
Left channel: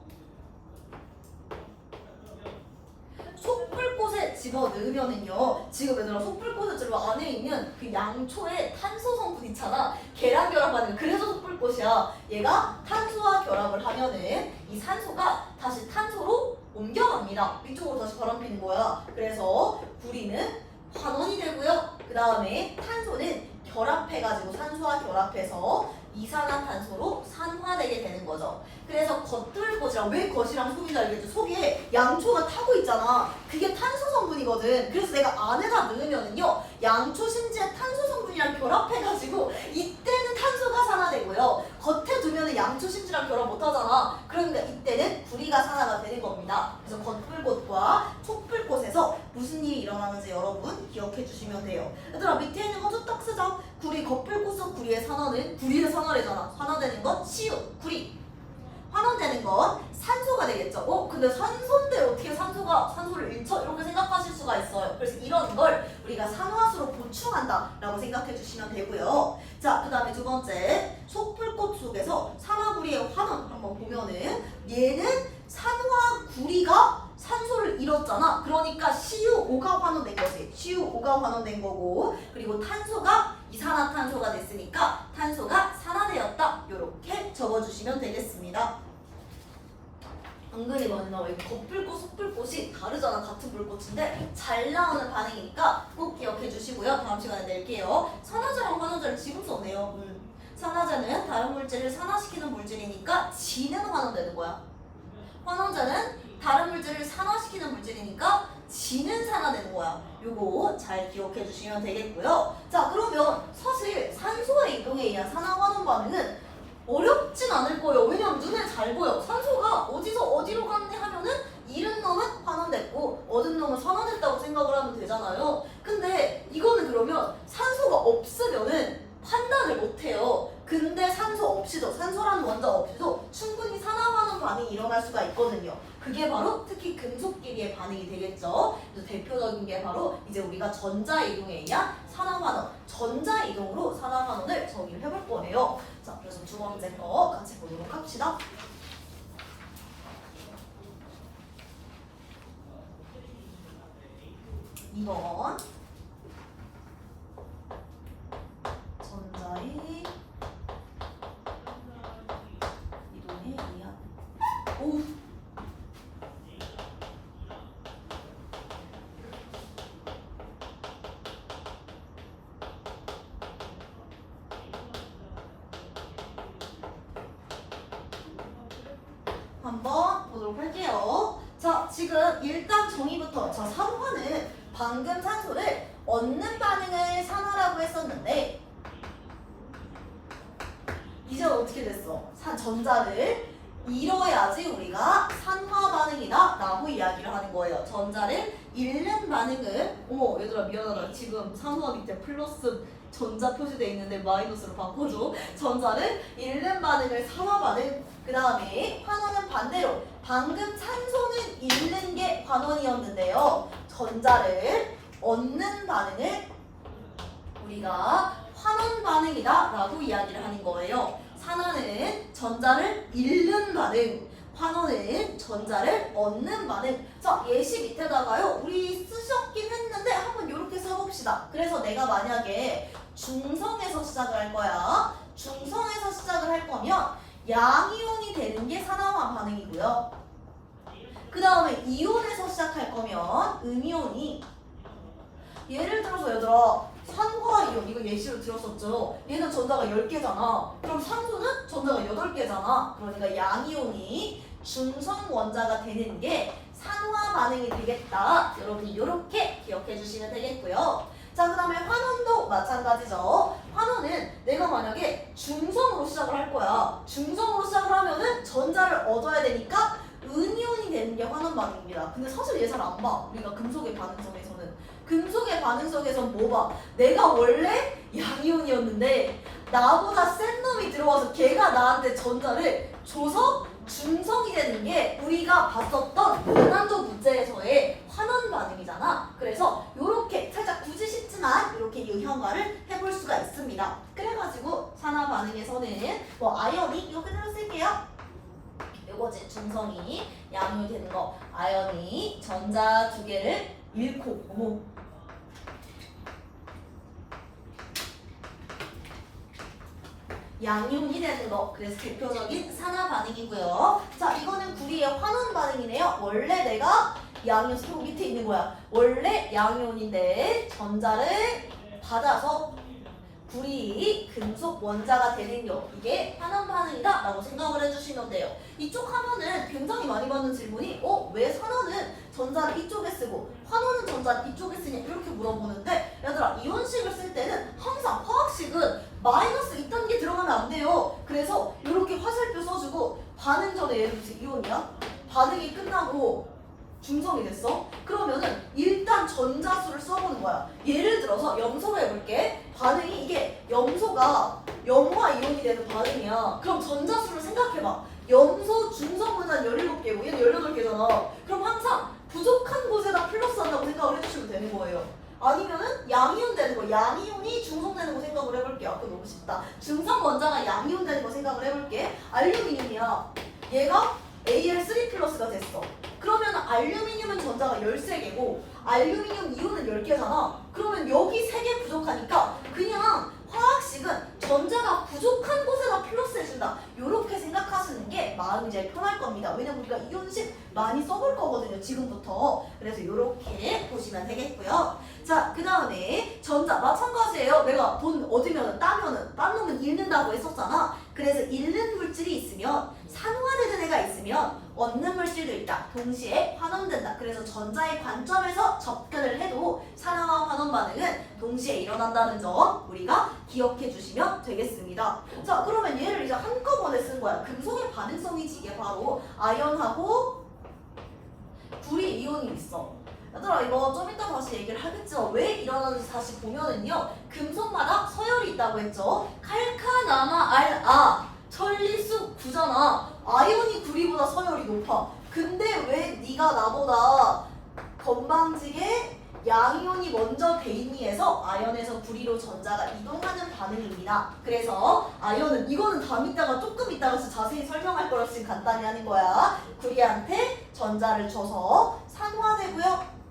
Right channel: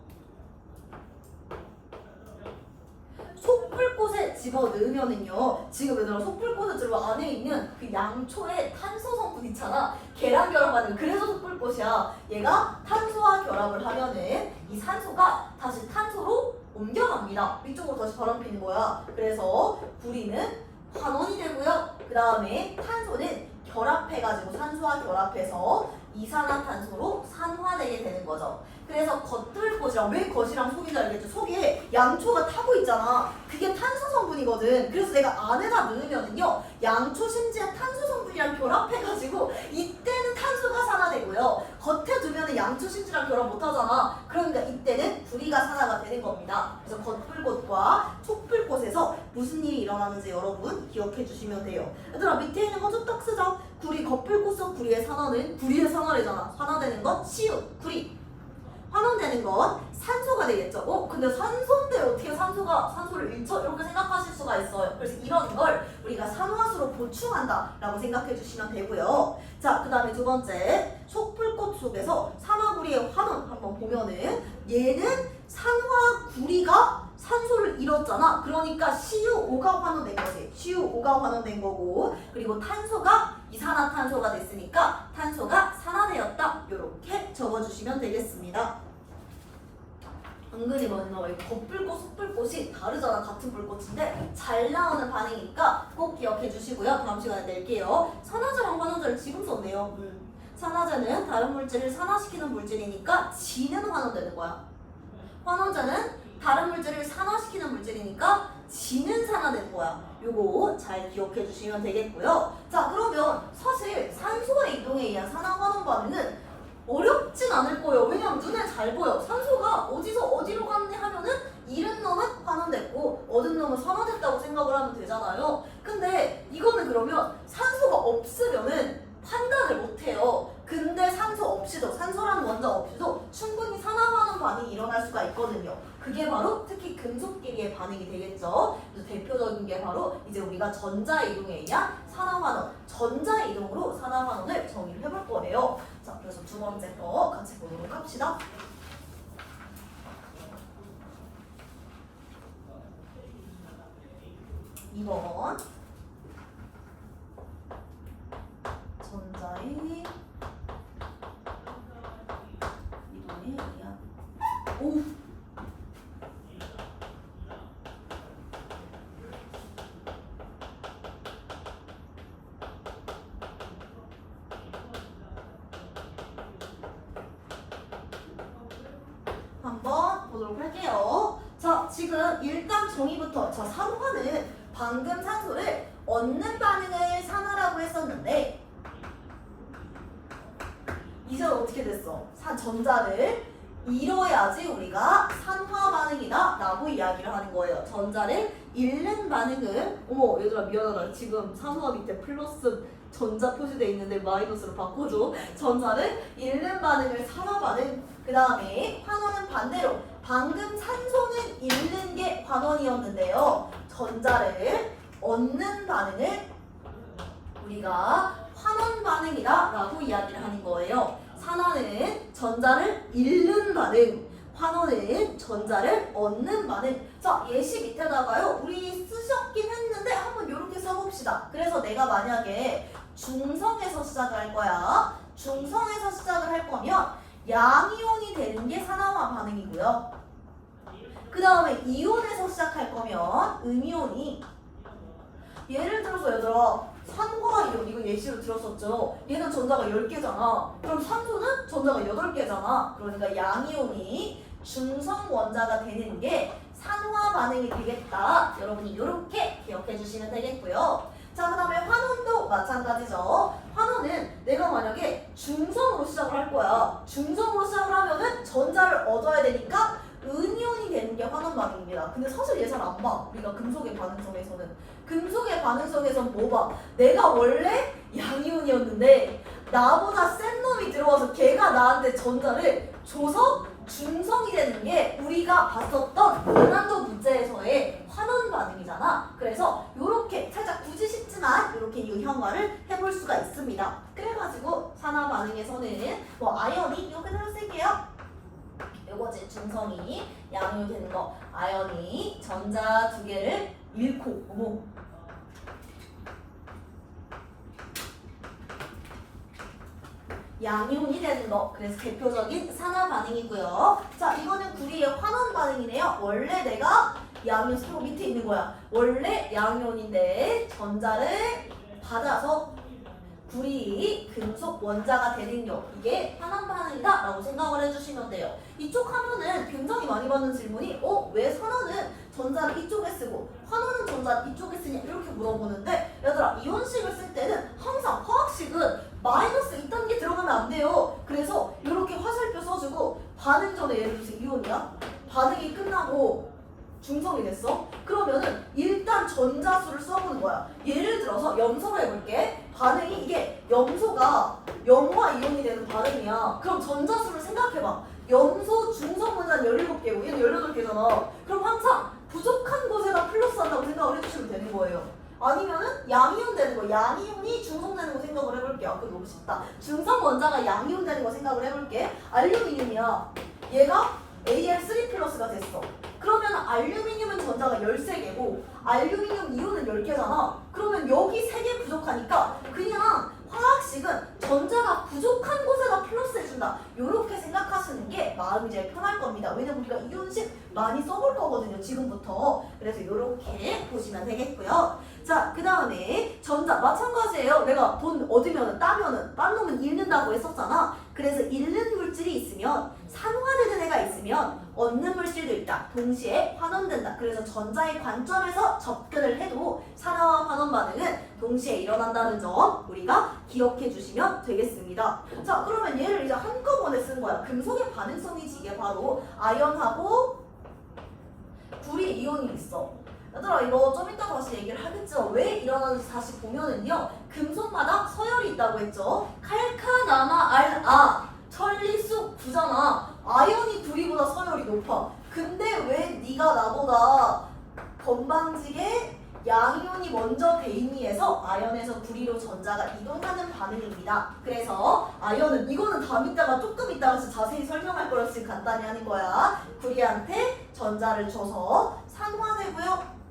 속불꽃에 집어넣으면은요 지금 얘들아 속불꽃에 들어 안에 있는 그 양초의 탄소 성분 있잖아. 계란 결합하는 그래서 속불꽃이야. 얘가 탄소와 결합을 하면은 이 산소가 다시 탄소로 옮겨갑니다. 이쪽으로 다시 바람피는 거야. 그래서 구리는 환원이 되고요. 그 다음에 탄소는 결합해가지고 산소와 결합해서 이산화탄소로 산화되게 되는 거죠. 그래서 겉불꽃이랑 왜 겉이랑 속인지 알겠지? 속에 양초가 타고 있잖아. 그게 탄소 성분이거든. 그래서 내가 안에다 넣으면은요 양초 심지어 탄소 성분이랑 결합해가지고 이때는 탄소가 산화되고요. 겉에 두면은 양초 심지랑 결합 못하잖아. 그러니까 이때는 구리가 산화가 되는 겁니다. 그래서 겉불꽃과 속불꽃에서 무슨 일이 일어나는지 여러분 기억해 주시면 돼요. 얘들아 밑에 있는 거 좀 딱 쓰자. 구리 겉불꽃과 구리의 산화는 구리의 산화래잖아. 산화되는 건 CU, 구리. 환원되는 건 산소가 되겠죠. 근데 산소인데 어떻게 산소를 잃죠? 이렇게 생각하실 수가 있어요. 그래서 이런 걸 우리가 산화수로 보충한다라고 생각해 주시면 되고요. 자, 그 다음에 두 번째 속불꽃 속에서 산화구리의 환원 한번 보면은 얘는 산화구리가 산소를 잃었잖아. 그러니까 CuO가 환원된 거지. CuO가 환원된 거고 그리고 탄소가 이산화탄소가 됐으니까 탄소가 산화되었다. 이렇게 적어주시면 되겠습니다. 은근히 뭐냐면 이 겉불꽃, 속불꽃이 다르잖아. 같은 불꽃인데 잘 나오는 반응이니까 꼭 기억해 주시고요. 다음 시간에 낼게요. 산화제랑 환원제를 지금 썼네요. 산화제는 다른 물질을 산화시키는 물질이니까 지는 환원되는 거야. 환원제는 다른 물질을 산화시키는 물질이니까 지는 산화되는 거야. 요거 잘 기억해 주시면 되겠고요. 자, 그러면 사실 산소의 이동에 의한 산화환원 반응은 어렵진 않을 거예요. 왜냐면 눈에 잘 보여. 산소가 어디서 어디로 갔는지 하면은 잃은 놈은 환원됐고 얻은 놈은 산화됐다고 생각을 하면 되잖아요. 근데 이거는 그러면 산소가 없으면은 판단을 못해요. 근데 산소 없이도, 산소라는 원자 없이도 충분히 산화환원 반응이 일어날 수가 있거든요. 그게 바로 특히 금속끼리의 반응이 되겠죠. 그래서 대표적인 게 바로 이제 우리가 전자이동에 의한 산화환원, 전자이동으로 산화환원을 정의를 해볼 거예요. 자, 그래서 두 번째 거 같이 보도록 합시다. 2번 전자의 한번 보도록 할게요. 자, 지금 일단 정의부터. 자, 산화는 방금 산소를 얻는 반응을 산화라고 했었는데 이제 어떻게 됐어? 전자를 잃어야지 우리가 산화 반응이다 라고 이야기를 하는 거예요. 전자를 잃는 반응을, 어머 얘들아 미안하다, 지금 산화 밑에 플러스 전자 표시되어 있는데 마이너스로 바꿔줘. 전자를 잃는 반응을 산화 반응. 그 다음에 환원은 반대로 방금 산소는 잃는 게 환원이었는데요, 전자를 얻는 반응을 우리가 환원 반응이다 라고 이야기를 하는 거예요. 산화는 전자를 잃는 반응, 환원은 전자를 얻는 반응. 자, 예시 밑에다가요, 우리 쓰셨긴 했는데 한번 이렇게 써봅시다. 그래서 내가 만약에 중성에서 시작을 할 거야. 중성에서 시작을 할 거면 양이온이 되는 게 산화화 반응이고요. 그 다음에 이온에서 시작할 거면 음이온이, 예를 들어서 얘들아 산화이온 이거 예시로 들었었죠. 얘는 전자가 10개잖아. 그럼 산소는 전자가 8개잖아. 그러니까 양이온이 중성 원자가 되는 게 산화 반응이 되겠다. 여러분이 이렇게 기억해 주시면 되겠고요. 자, 그 다음에 환원도 마찬가지죠. 환원은 내가 만약에 중성으로 시작을 할 거야. 중성으로 시작을 하면은 전자를 얻어야 되니까 은이온이 되는 게 환원 반응입니다. 근데 사실 얘 잘 안 봐. 우리가 금속의 반응성에서는. 금속의 반응성에선 뭐 봐? 내가 원래 양이온이었는데 나보다 센 놈이 들어와서 걔가 나한테 전자를 줘서 중성이 되는 게 우리가 봤었던 고난도 문제에서의 환원 반응이잖아. 그래서 이렇게 살짝 굳이 쉽지만 이렇게 유형화를 해볼 수가 있습니다. 그래가지고 산화 반응에서는 뭐 아연이 이거 그대로 쓸게요. 요거지, 중성이 양이온이 되는 거. 아연이 전자 2개를 잃고, 어머, 양이온이 되는 거. 그래서 대표적인 산화 반응이고요. 자, 이거는 구리의 환원 반응이네요. 원래 내가 양이온 스토 밑에 있는 거야. 원래 양이온인데 전자를 받아서 구리 금속 원자가 되는 요, 이게 환원 반응이다 라고 생각을 해주시면 돼요. 이쪽 하면은 굉장히 많이 받는 질문이 왜 산화는 전자를 이쪽에 쓰고 환원은 전자를 이쪽에 쓰냐 이렇게 물어보는데, 얘들아 이온식을 쓸 때는 항상 화학식은 마이너스 2단계 들어가면 안 돼요. 그래서 이렇게 화살표 써주고 반응 전에, 예를 들어서 이온이야, 반응이 끝나고 중성이 됐어? 그러면은 일단 전자수를 써보는 거야. 예를 들어서 염소로 해볼게. 반응이 이게 염소가 염화 이온이 되는 반응이야. 그럼 전자수를 생각해봐. 염소 중성 분자는 17개고 얘는 18개잖아. 그럼 항상 부족한 곳에다 플러스 한다고 생각을 해주시면 되는 거예요. 아니면은 양이온 되는 거, 양이온이 중성 되는 거 생각을 해볼게. 아까 너무 쉽다. 중성 원자가 양이온 되는 거 생각을 해볼게. 알루미늄이야. 얘가 Al3 플러스가 됐어. 그러면 알루미늄은 전자가 13개고 알루미늄 이온은 10개잖아. 그러면 여기 3개 부족하니까 그냥 화학식은 전자가 부족한 곳에다 플러스 해준다. 이렇게 생각하시는 게 마음이 제일 편할 겁니다. 왜냐면 우리가 이온식 많이 써볼 거거든요, 지금부터. 그래서 이렇게 보시면 되겠고요. 자, 그 다음에 전자 마찬가지예요. 내가 돈 얻으면 따면은 딴 놈은 잃는다고 했었잖아. 그래서 잃는 물질이 있으면, 산화되는 애가 있으면 얻는 물질도 있다. 동시에 환원된다. 그래서 전자의 관점에서 접근을 해도 산화와 환원 반응은 동시에 일어난다는 점 우리가 기억해 주시면 되겠습니다. 자, 그러면 얘를 이제 한꺼번에 쓴 거야. 금속의 반응성이지. 이게 바로 아연하고 구리 이온이 있어. 얘들아 이거 좀 이따 다시 얘기를 하겠죠. 왜 일어나는지 다시 보면은요, 금속마다 서열이 있다고 했죠. 칼카나마 알아, 천리수 9잖아. 아연이 구리보다 서열이 높아. 근데 왜 네가 나보다 건방지게 양이온이 먼저 대인이해서 아연에서 구리로 전자가 이동하는 반응입니다. 그래서 아연은, 이거는 다음 이따가 조금 이따가 자세히 설명할 거라서 지금 간단히 하는 거야. 구리한테 전자를 줘서 산화되고요.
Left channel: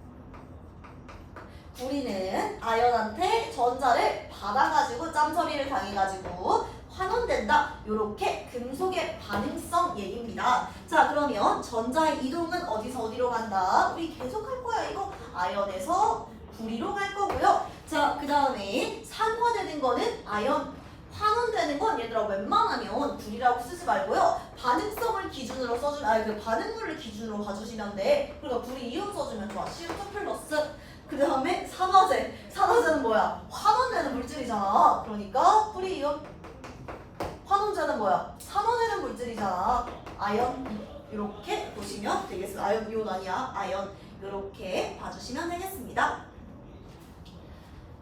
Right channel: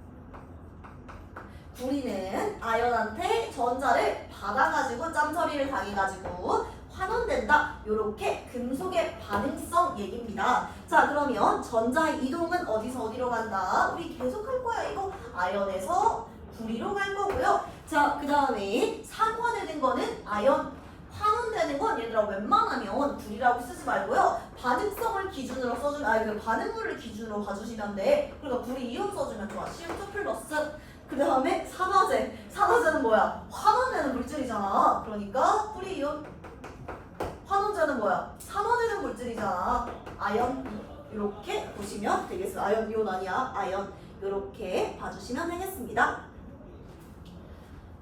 구리는 아연한테 전자를 받아가지고 짬처리를 당해가지고 환원된다. 요렇게 금속의 반응성 얘기입니다. 자, 그러면 전자의 이동은 어디서 어디로 간다? 우리 계속 할 거야. 이거 아연에서 구리로 갈 거고요. 자, 그 다음에 산화되는 거는 아연, 환원되는 환원되는 건 얘들아 웬만하면 불이라고 쓰지 말고요. 반응성을 기준으로 써주면 그 반응물을 기준으로 봐주시면 돼. 그러니까 불이 이온 써주면 좋아. CO2 플러스. 그 다음에 산화제. 산화제는 뭐야? 환원되는 물질이잖아. 그러니까 불이 이온. 환원제는 뭐야? 산화되는 물질이잖아. 아연. 이렇게 보시면 되겠어요. 아연 이온 아니야. 아연. 이렇게 봐주시면 되겠습니다.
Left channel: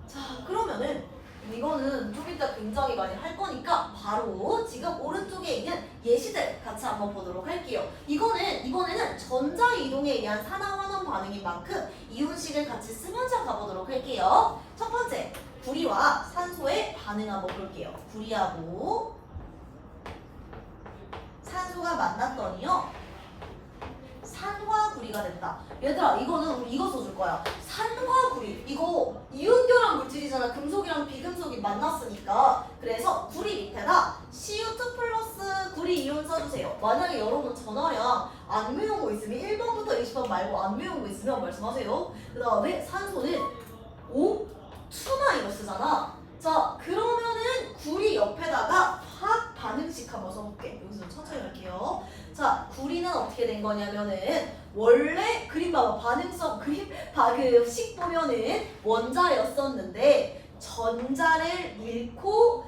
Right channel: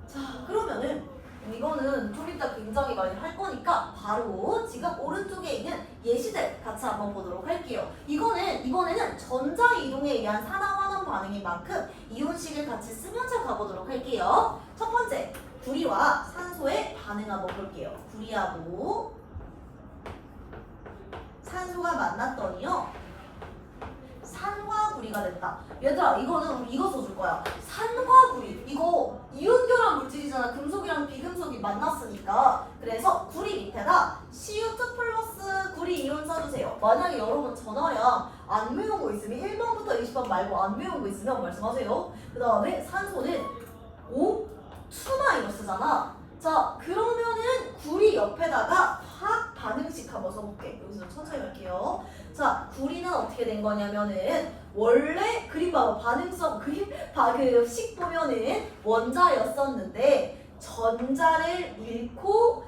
자, 그러면은 이거는 좀 이따 굉장히 많이 할 거니까 바로 지금 오른쪽에 있는 예시들 같이 한번 보도록 할게요. 이번에는 전자 이동에 의한 산화환원 반응인 만큼 이온식을 같이 쓰면서 가보도록 할게요. 첫 번째, 구리와 산소의 반응 한번 볼게요. 구리하고 산소가 만났더니요. 산화구리가 됐다. 얘들아 이거는 우리 이거 써줄 거야. 산화구리. 이거 이온결합 물질이잖아. 금속이랑 비금속이 만났으니까. 그래서 구리 밑에다 CO2 플러스 구리 이온 써주세요. 만약에 여러분 전화량 안 외운 거 있으면 1번부터 20번 말고 안 외운 거 있으면 말씀하세요. 그 다음에 산소는 O2-잖아. 자 그러면은 구리 옆에다가 화학 반응식 한번 써볼게. 여기서 천천히 갈게요. 자, 구리는 어떻게 된 거냐면은 원래 그림 봐봐. 반응성 그림 그 식 보면은 원자였었는데 전자를 잃고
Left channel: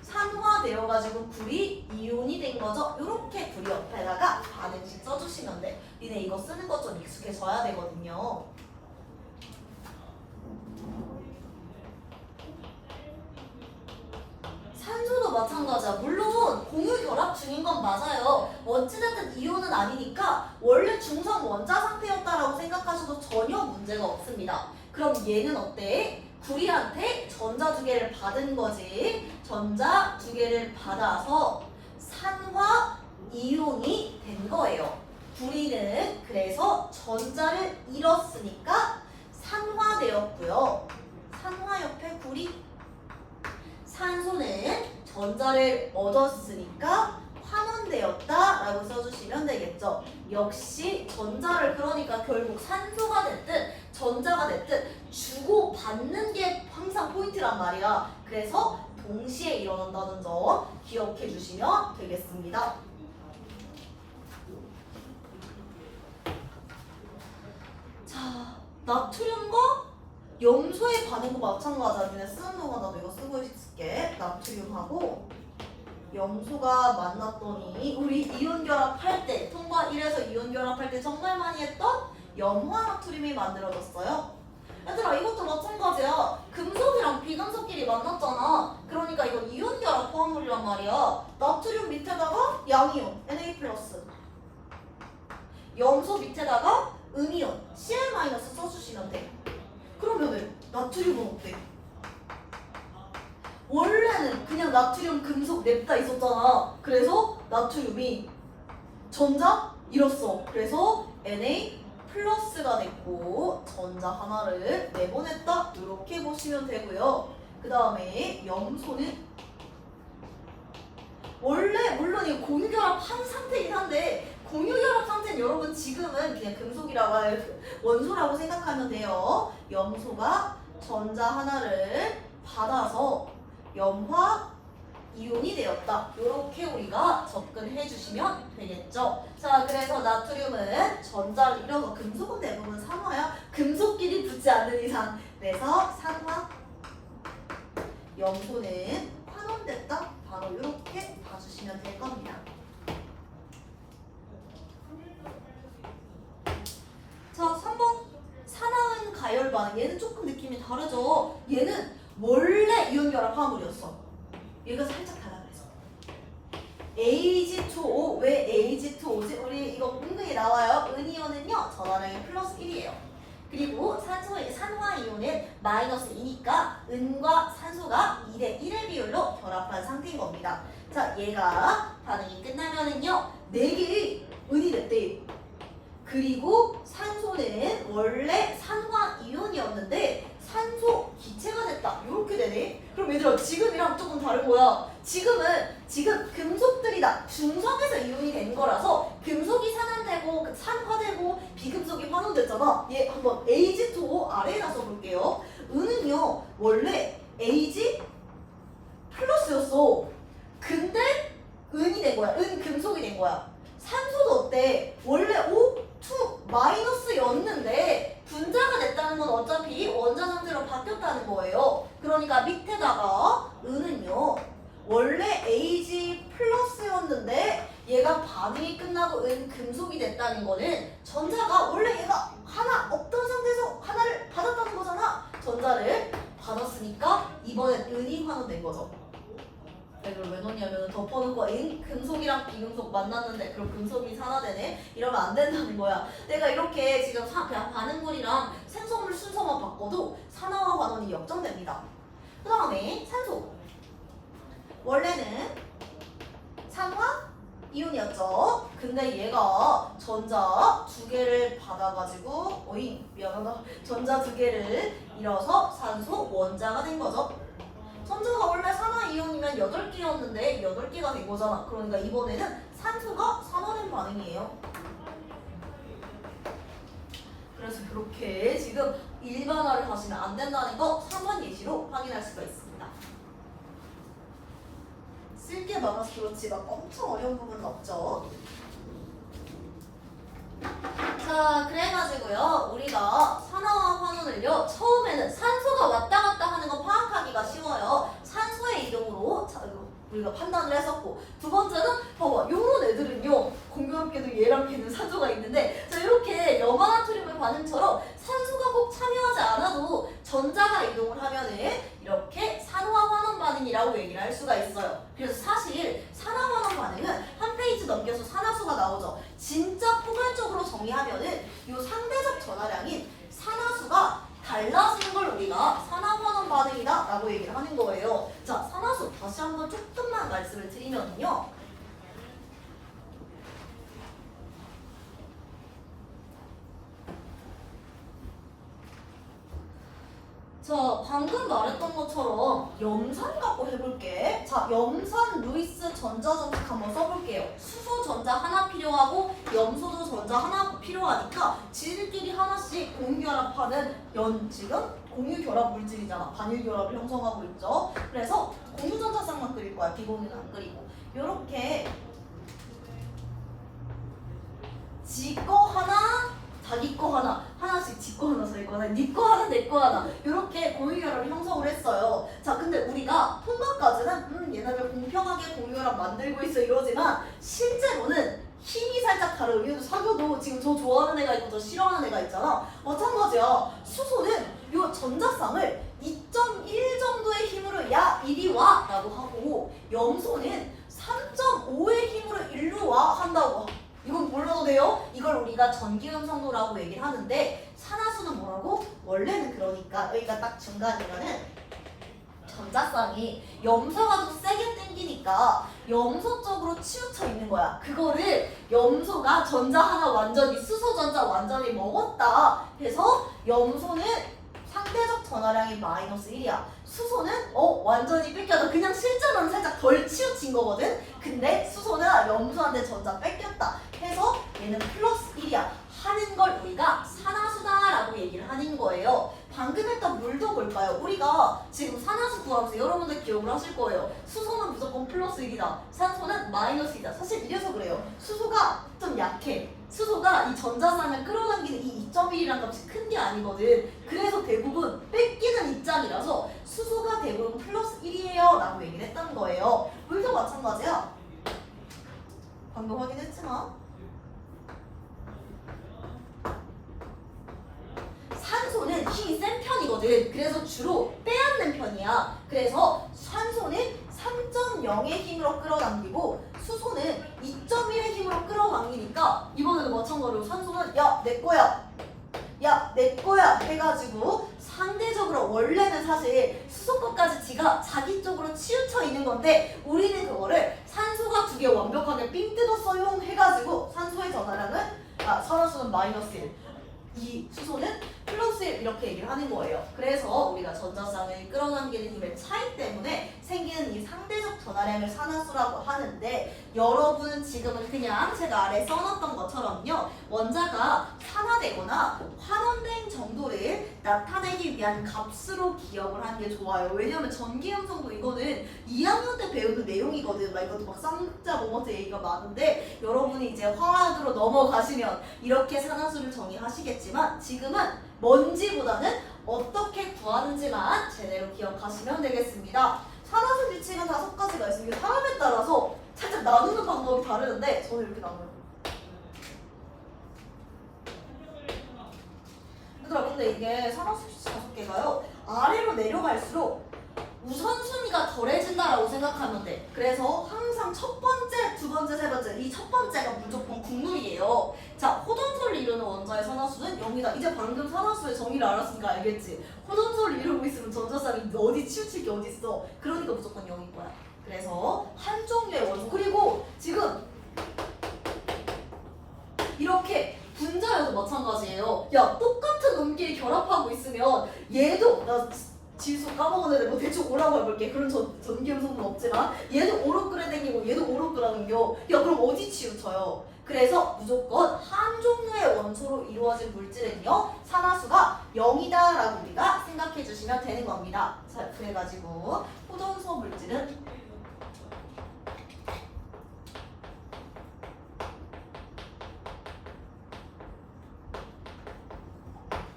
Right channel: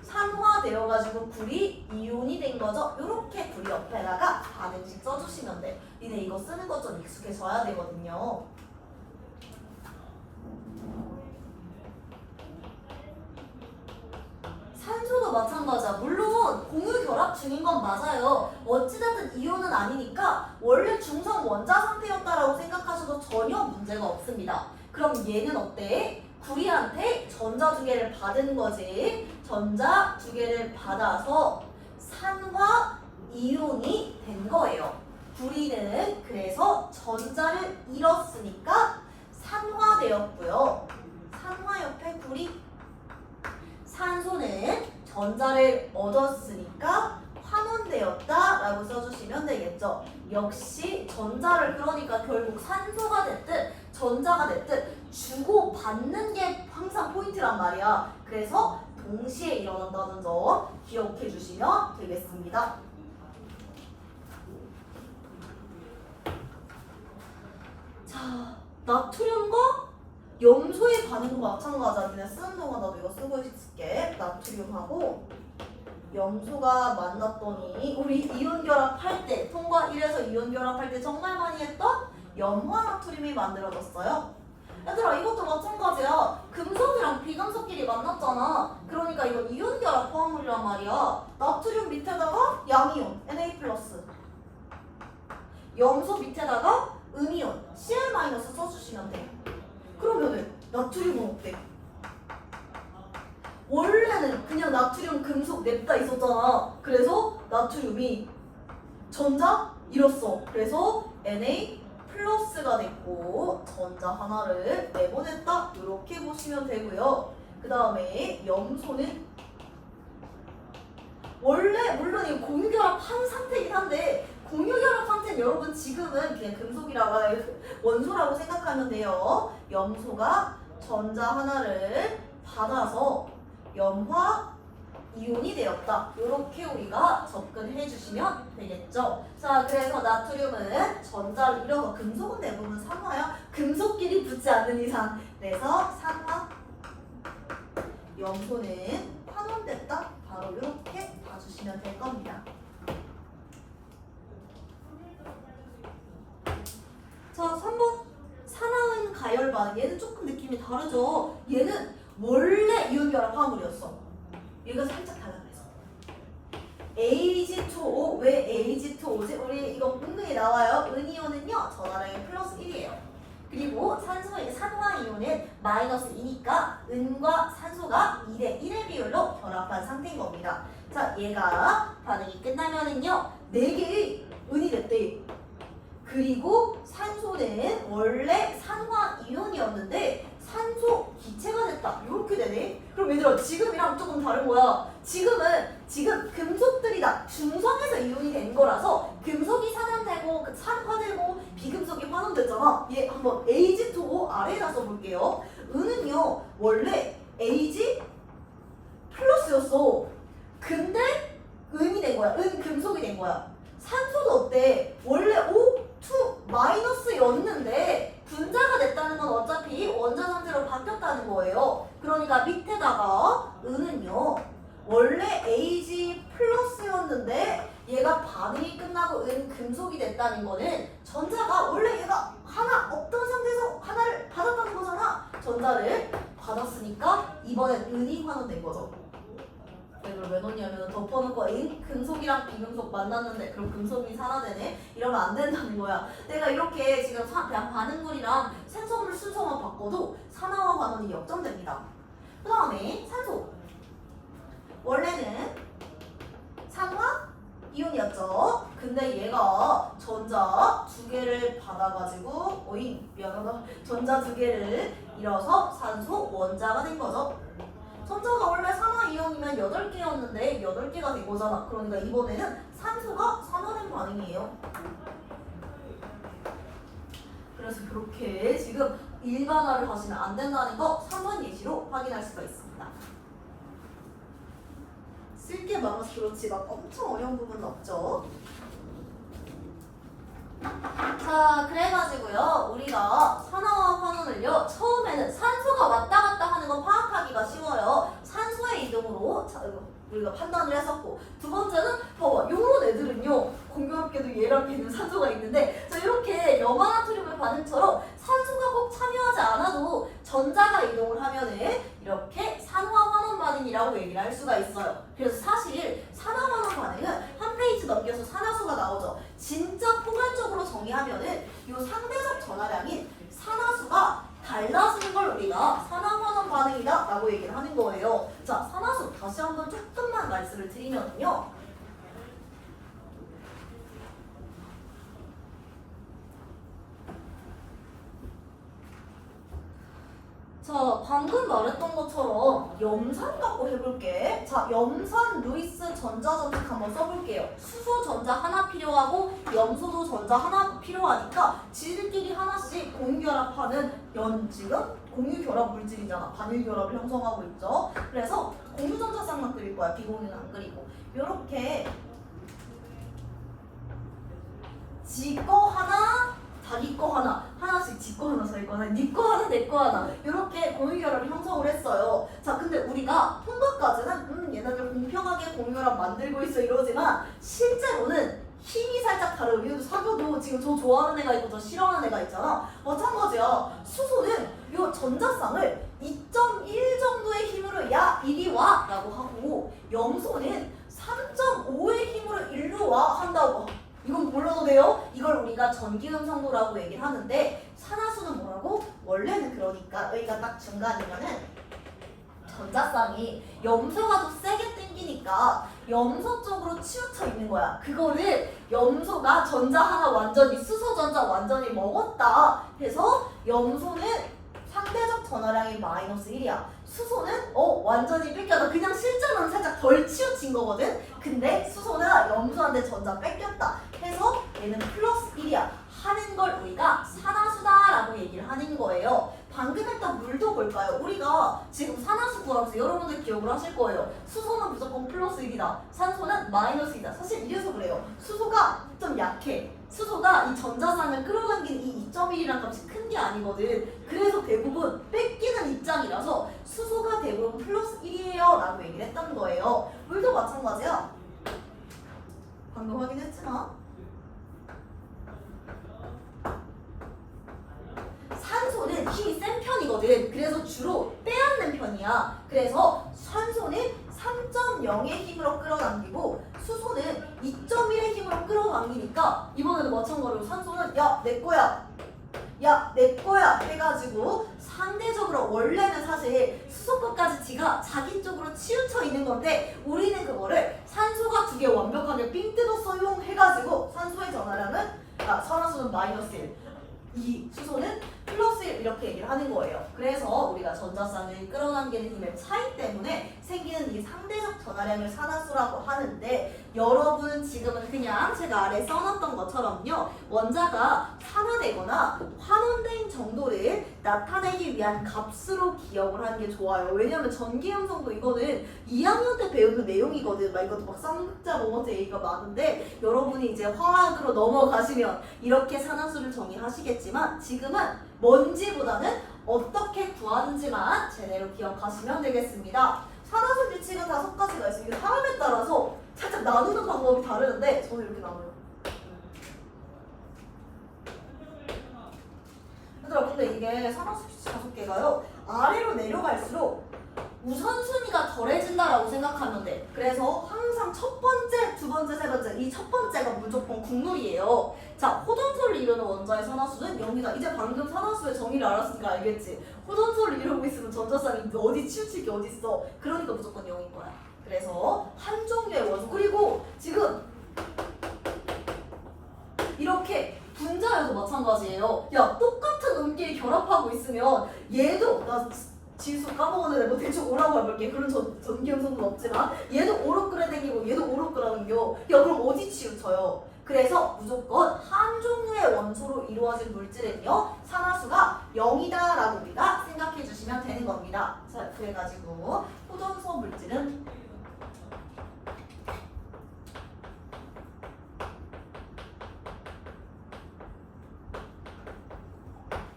산화되어가지고 구리 이온이 된 거죠. 이렇게 구리 옆에다가 반응식 써주시면 돼. 니네 이거 쓰는 것 좀 익숙해져야 되거든요. 산소도 마찬가지야. 물론 공유 결합 중인 건 맞아요. 어찌됐든 이온은 아니니까 원래 중성 원자 상태였다라고 생각하셔도 전혀 문제가 없습니다. 그럼 얘는 어때? 구리한테 전자 두 개를 받은 거지. 전자 두 개를 받아서 산화 이온이 된 거예요. 구리는 그래서 전자를 잃었으니까 산화되었고요. 산화 옆에 구리. 산소는 전자를 얻었으니까 환원되었다라고 써주시면 되겠죠. 역시 전자를 그러니까 결국 산소가 됐든 전자가 됐든 주고받는 게 항상 포인트란 말이야. 그래서 동시에 일어난다는 점 기억해 주시면 되겠습니다. 자, 나트륨과 염소의 반응도 마찬가지야. 니네 쓰는 동안 나도 이거 쓰고 있을게. 나트륨하고 염소가 만났더니 우리 이온 결합할 때 통과 1에서 이온 결합할 때 정말 많이 했던 염화나트륨이 만들어졌어요. 얘들아 이것도 마찬가지야. 금속이랑 비금속끼리 만났잖아. 그러니까 이거 이온 결합 포함물이란 말이야. 나트륨 밑에다가 양이온 Na+, 염소 밑에다가 음이온 Cl- 써주시면 돼. 그러면은 나트륨은 어때? 원래는 그냥 나트륨 금속 냅다 있었잖아. 그래서 나트륨이 전자 잃었어. 그래서 Na+가 됐고 전자 하나를 내보냈다. 이렇게 보시면 되고요. 그 다음에 염소는 원래 물론 이 공유결합한 상태이긴 한데 공유결합 상태는 여러분 지금은 그냥 금속이라고 원소라고 생각하면 돼요. 염소가 전자 하나를 받아서 염화 이온이 되었다. 이렇게 우리가 접근해 주시면 되겠죠. 자, 그래서 나트륨은 전자를 잃어서 금속은 대부분 산화야. 금속끼리 붙지 않는 이상. 그래서 산화. 염소는 환원됐다. 바로 이렇게 봐주시면 될 겁니다. 자, 3번 산화은 가열 반응. 얘는 조금 느낌이 다르죠. 얘는 원래 이온 결합 화합물이었어. 얘가 살짝 달라 그랬어. Ag2O. 왜 Ag2O지? 우리 이거 문등에 나와요. 은이온은요 전화량이 플러스 1이에요. 그리고 산소의 산화이온은 마이너스 2니까 은과 산소가 2대 1의 비율로 결합한 상태인 겁니다. 자, 얘가 반응이 끝나면은요 4개의 은이 됐대. 그리고 산소는 원래 산화이온이었는데 산소 기체가 됐다. 이렇게 되네. 그럼 얘들아 지금이랑 조금 다른 거야. 지금 금속들이다. 중성에서 이온이 된 거라서 금속이 산화되고 산화되고 비금속이 환원됐잖아. 얘 한번 Ag2O 아래에다 써볼게요. 은은요 원래 Ag+ 플러스였어. 근데 은이 된 거야. 은 금속이 된 거야. 산소도 어때? 원래 O2 마이너스였는데 분자가 됐다는 건 어차피 원자 상태로 바뀌었다는 거예요. 그러니까 밑에다가 은은요. 원래 Ag 플러스였는데 얘가 반응이 끝나고 은 금속이 됐다는 거는 전자가 원래 얘가 하나 없던 상태에서 하나를 받았다는 거잖아. 전자를 받았으니까 이번엔 은이 환원된 거죠. 이걸 왜 넣냐면 덮어놓고 은 금속이랑 비금속 만났는데 그럼 금속이 산화되네? 이러면 안 된다는 거야. 내가 이렇게 지금 그냥 반응물이랑 산소물 순서만 바꿔도 산화와 환원이 역전됩니다. 그 다음에 산소. 원래는 산화 이온이었죠. 근데 얘가 전자 두 개를 받아가지고 미안하다. 전자 두 개를 잃어서 산소 원자가 된 거죠. 전자가 원래 산화 이온이면 8개였는데 8개가 된 거잖아. 그러니까 이번에는 산소가 산화된 반응이에요. 그래서 이렇게 지금 일반화를 하시면 안 된다는 거 3번 예시로 확인할 수가 있습니다. 쓸게 많아서 그렇지 막 엄청 어려운 부분은 없죠. 자, 그래가지고요 우리가 산화와 환원을요 처음에는 산소가 왔다 갔다 하는 거 파악하기가 쉬워요. 산소의 이동으로 우리가 판단을 했었고, 두 번째는 봐봐 요런 애들은요 공교롭게도 얘랑 걔는 산소가 있는데, 자 이렇게 염화나트륨의 반응처럼 산소가 꼭 참여하지 않아도 전자가 이동을 하면은 이렇게 산화환원 반응이라고 얘기를 할 수가 있어요. 그래서 사실 산화환원 반응은 한 페이지 넘겨서 산화수가 나오죠. 진짜 포괄적으로 정의하면은 요 상대적 전하량인 산화수가 달라지는 걸 우리가 산화환원 반응이다 라고 얘기를 하는 거예요. 자, 산화수 다시 한번 조금만 말씀을 드리면요, 자, 방금 말했던 것처럼 염산 갖고 해볼게. 자, 염산 루이스 전자점식 한번 써볼게요. 수소 전자 하나 필요하고 염소도 전자 하나 필요하니까 지들끼리 하나씩 공유결합하는 지금 공유결합 물질이잖아. 반일결합을 형성하고 있죠. 그래서 공유전자쌍만 그릴 거야. 비공유는 안 그리고. 요렇게 지 거 하나, 자기 거 하나, 하나씩 지 거 하나, 자기 거 하나, 니 거 하나, 내 거 하나 이렇게 공유결합을 형성을 했어요. 자, 근데 우리가 통과까지는 얘네들 공평하게 공유결합 만들고 있어 이러지만 실제로는 힘이 살짝 다른 이유도 사교도 지금 저 좋아하는 애가 있고 저 싫어하는 애가 있잖아. 마찬가지야. 수소는 요 전자쌍을 2.1 정도의 힘으로 야 이리 와 라고 하고, 염소는 3.5의 힘으로 일로 와 한다고. 이건 몰라도 돼요? 이걸 우리가 전기음성도라고 얘기를 하는데, 산화수는 뭐라고? 원래는 그러니까 여기가 딱 중간이면은 전자쌍이 염소가 더 세게 당기니까 염소 쪽으로 치우쳐 있는 거야. 그거를 염소가 전자 하나 완전히 수소 전자 완전히 먹었다 해서 염소는 상대적 전하량이 마이너스 1이야. 수소는 완전히 뺏겨서 그냥 실제로는 살짝 덜 치우친 거거든. 근데 수소는 염소한테 전자 뺏겼다 해서 얘는 플러스 1이야 하는 걸 우리가 산화수다라고 얘기를 하는 거예요. 방금 했던 물도 볼까요? 우리가 지금 산화수 구하면서 여러분들 기억을 하실 거예요. 수소는 무조건 플러스 1이다. 산소는 마이너스 2다. 사실 이래서 그래요. 수소가 좀 약해. 수소가 이 전자쌍을 끌어당기는 이 2.1이란 값이 큰 게 아니거든. 그래서 대부분 뺏기는 입장이라서 수소가 대부분 플러스 1이에요 라고 얘기를 했다는 거예요. 물도 마찬가지야. 방금 확인했지만 산소는 힘이 센 편이거든. 그래서 주로 빼앗는 편이야. 그래서 산소는 3.0의 힘으로 끌어당기고 수소는 2.1의 힘으로 끌어당기니까 이번에도 마찬가지로 산소는 야 내 거야, 야 내 거야 해가지고 상대적으로 원래는 사실 수소 것까지 지가 자기 쪽으로 치우쳐 있는 건데, 우리는 그거를 산소가 두 개 완벽하게 삥 뜯었어요 해가지고 산소의 전하량은 산화수는 마이너스 1, 이 수소는 플러스 1 이렇게 얘기를 하는 거예요. 그래서 우리가 전자쌍을 끌어당기는 힘의 차이 때문에 생기는 이 상대적 전하량 전하량을 산화수라고 하는데 여러분 지금은 그냥 제가 아래 써놨던 것처럼요. 원자가 산화되거나 환원된 정도를 나타내기 위한 값으로 기억을 하는 게 좋아요. 왜냐면 전기음성도 이거는 2학년 때 배우는 내용이거든. 막 이것도 막 쌍자 모먼트 얘기가 많은데 여러분이 이제 화학으로 넘어가시면 이렇게 산화수를 정의하시겠지만 지금은 뭔지보다는 어떻게 구하는지만 제대로 기억하시면 되겠습니다. 산화수 규칙은 5가지가 있습니다. 사람에 따라서 살짝 나누는 방법이 다르는데 저는 이렇게 나눠요. 얘들아 근데 이게 산화수 규칙 5개가요. 아래로 내려갈수록 우선순위가 덜해진다라고 생각하면 돼. 그래서 항상 첫 번째, 두 번째, 세 번째 이 첫 번째가 무조건 국룰이에요. 자, 호전소를 이루는 원자의 산화수는 0이다. 이제 방금 산화수의 정의를 알았으니까 알겠지. 호전소를 이루고 있으면 전자쌍이 어디 치우칠 게 어디 있어. 그러니까 무조건 0인 거야. 그래서 한 종류의 원소. 그리고 지금 이렇게 분자여도 마찬가지예요. 야, 똑같은 음끼리 결합하고 있으면 얘도 나 지수 까먹었는데 뭐 대충 오라고 해볼게. 그런 전기음성은 없지만 얘도 오로 끌어당기고 얘도 오로 끌어당겨. 야 그럼 어디 치우쳐요? 그래서 무조건 한 종류의 원소로 이루어진 물질은요 산화수가 0이다 라고 우리가 생각해 주시면 되는 겁니다. 자 그래가지고 호전소 물질은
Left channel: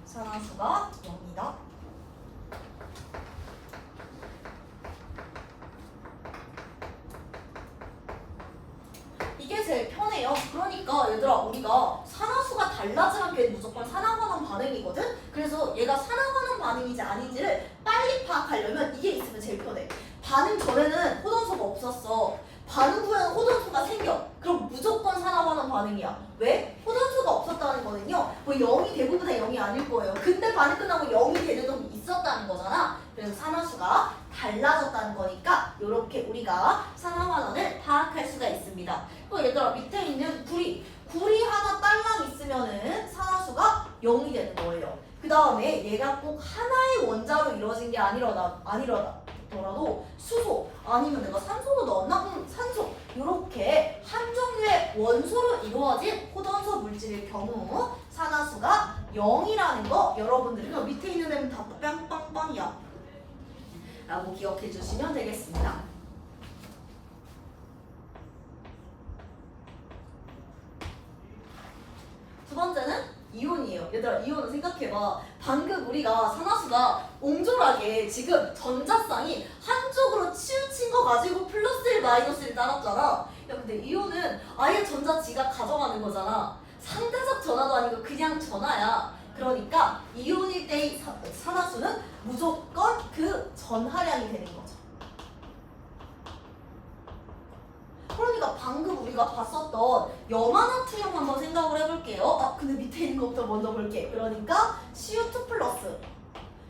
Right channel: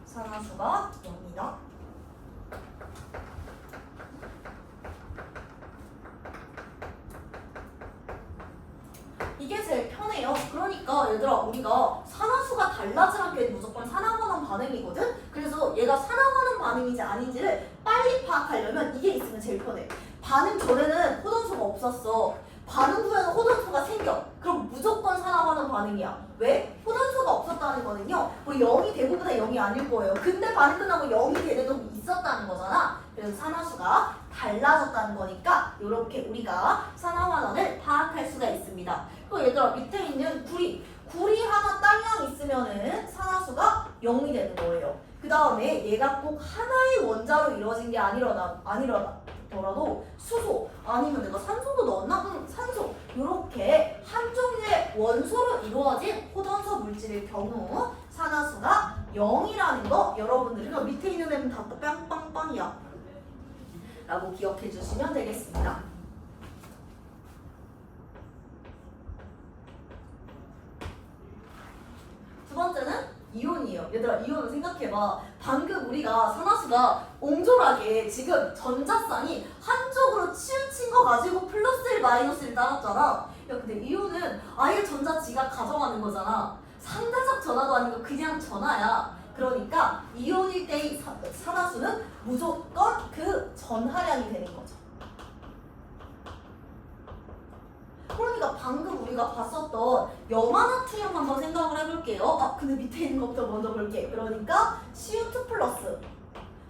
산화수가 0이다. 이게 제일 편해요. 그러니까 얘들아 우리가 산화수가 달라지는 게 무조건 산화환원 반응이거든? 그래서 얘가 산화환원 반응인지 아닌지를 빨리 파악하려면 이게 있으면 제일 편해. 반응 전에는 호전소가 없었어. 반응 후에는 호전소가 생겨. 그럼 무조건 산화환원 반응이야. 왜? 호전소가 없었다는 거는요. 뭐 0이 대부분의 0이 아닐 거예요. 근데 반응 끝나고 0이 되는 놈이 있었다는 거잖아. 그래서 산화수가 달라졌다는 거니까 이렇게 우리가 산화환원을 파악할 수가 있습니다. 또 얘들아 밑에 있는 구리 하나 딸랑 있으면은 산화수가 0이 되는 거예요. 그 다음에 얘가 꼭 하나의 원자로 이루어진 게 아니더라도 수소 아니면 내가 산소도 넣었나? 산소 이렇게 한 종류의 원소로 이루어진 호전소 물질일 경우 산화수가 0이라는 거 여러분들이 밑에 있는 애는 다 빵빵빵이야 라고 기억해 주시면 되겠습니다. 두 번째는 이온이에요. 얘들아 이온은 생각해봐. 방금 우리가 산화수가 옹졸하게 지금 전자쌍이 한쪽으로 치우친 거 가지고 플러스 1 마이너스 1 따랐잖아. 야 근데 이온은 아예 전자 지가 가져가는 거잖아. 상대적 전화도 아니고 그냥 전화야. 그러니까 이온일 때의 산화수는 무조건 그 전하량이 되는 거죠. 그러니까 방금 우리가 봤었던 염화나트륨 한번 생각을 해볼게요. 아 근데 밑에 있는 것부터 먼저 볼게. 그러니까 CO2 플러스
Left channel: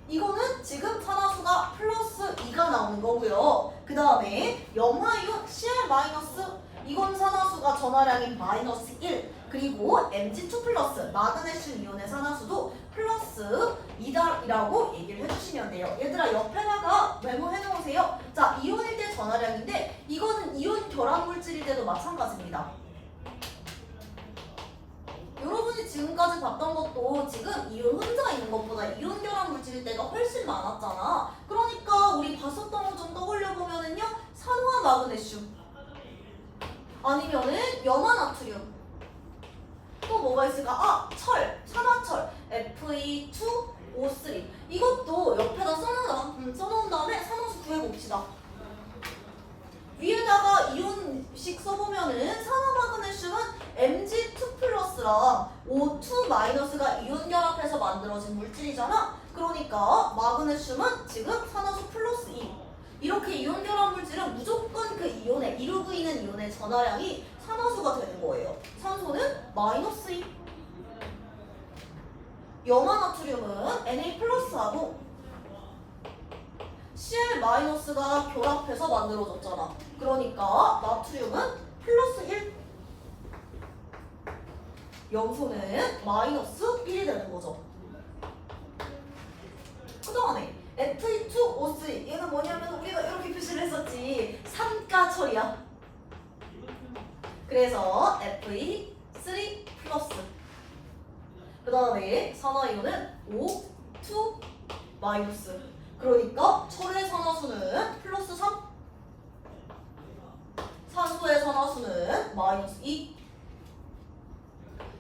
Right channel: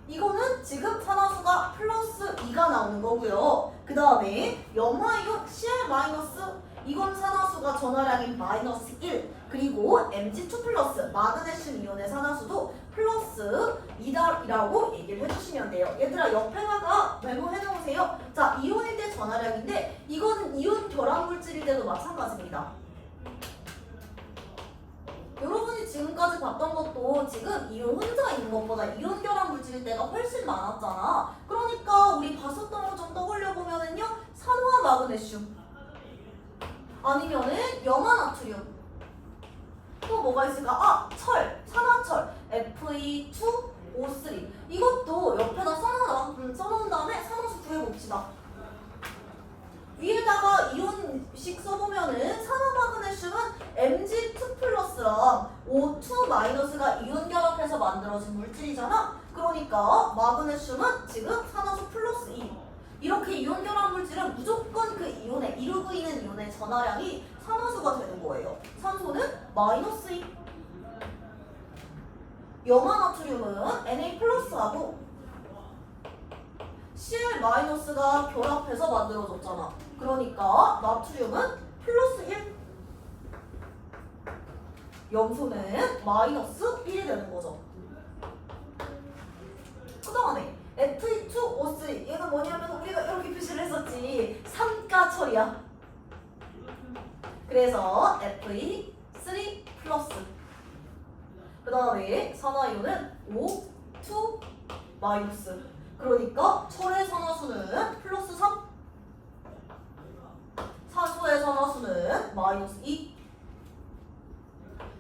이거는 지금 산화수가 플러스 2가 나오는 거고요. 그 다음에 염화이온 Cl 마이너스 이건 산화수가 전하량이 마이너스 1 그리고 Mg2 플러스 마그네슘 이온의 산화수도 플러스 2다라고 얘기를 해주시면 돼요. 얘들아 옆에다가 메모해 놓으세요. 자 이온일 때 전하량인데 이거는 이온 결합 물질일 때도 마찬가지입니다. 여러분이 지금까지 봤던 것도 지금 이온 혼자 있는 것보다 이온 결합 물질일 때가 훨씬 많았잖아. 그러니까 우리 봤었던 거 좀 떠올려보면은요 산화 마그네슘 아니면은 염화나트륨 또 뭐가 있을까? 아! 철! 산화철 Fe2O3 이것도 옆에다 써놓은 다음에 산화수 구해봅시다. 위에다가 이온식 써보면은 산화마그네슘은 Mg2 플러스랑 O2 마이너스가 이온 결합해서 만들어진 물질이잖아. 그러니까 마그네슘은 지금 산화수 플러스 2 이렇게 이온 결합 물질은 무조건 그 이온에 이루고 있는 이온의 전하량이 산화수가 되는 거예요. 산소는 마이너스 2 염화나트륨은 Na 플러스하고 Cl 마이너스가 결합해서 만들어졌잖아. 그러니까 나트륨은 플러스 1 염소는 마이너스 1이 되는 거죠. 그 다음에 Fe2O3 얘는 뭐냐면 우리가 이렇게 표시를 했었지. 3가 F야 철이야? 그래서 Fe3 플러스. 그 다음에 산화이온은 O2 마이너스. 그러니까 철의 산화수는 플러스 3. 산소의 산화수는 마이너스 2.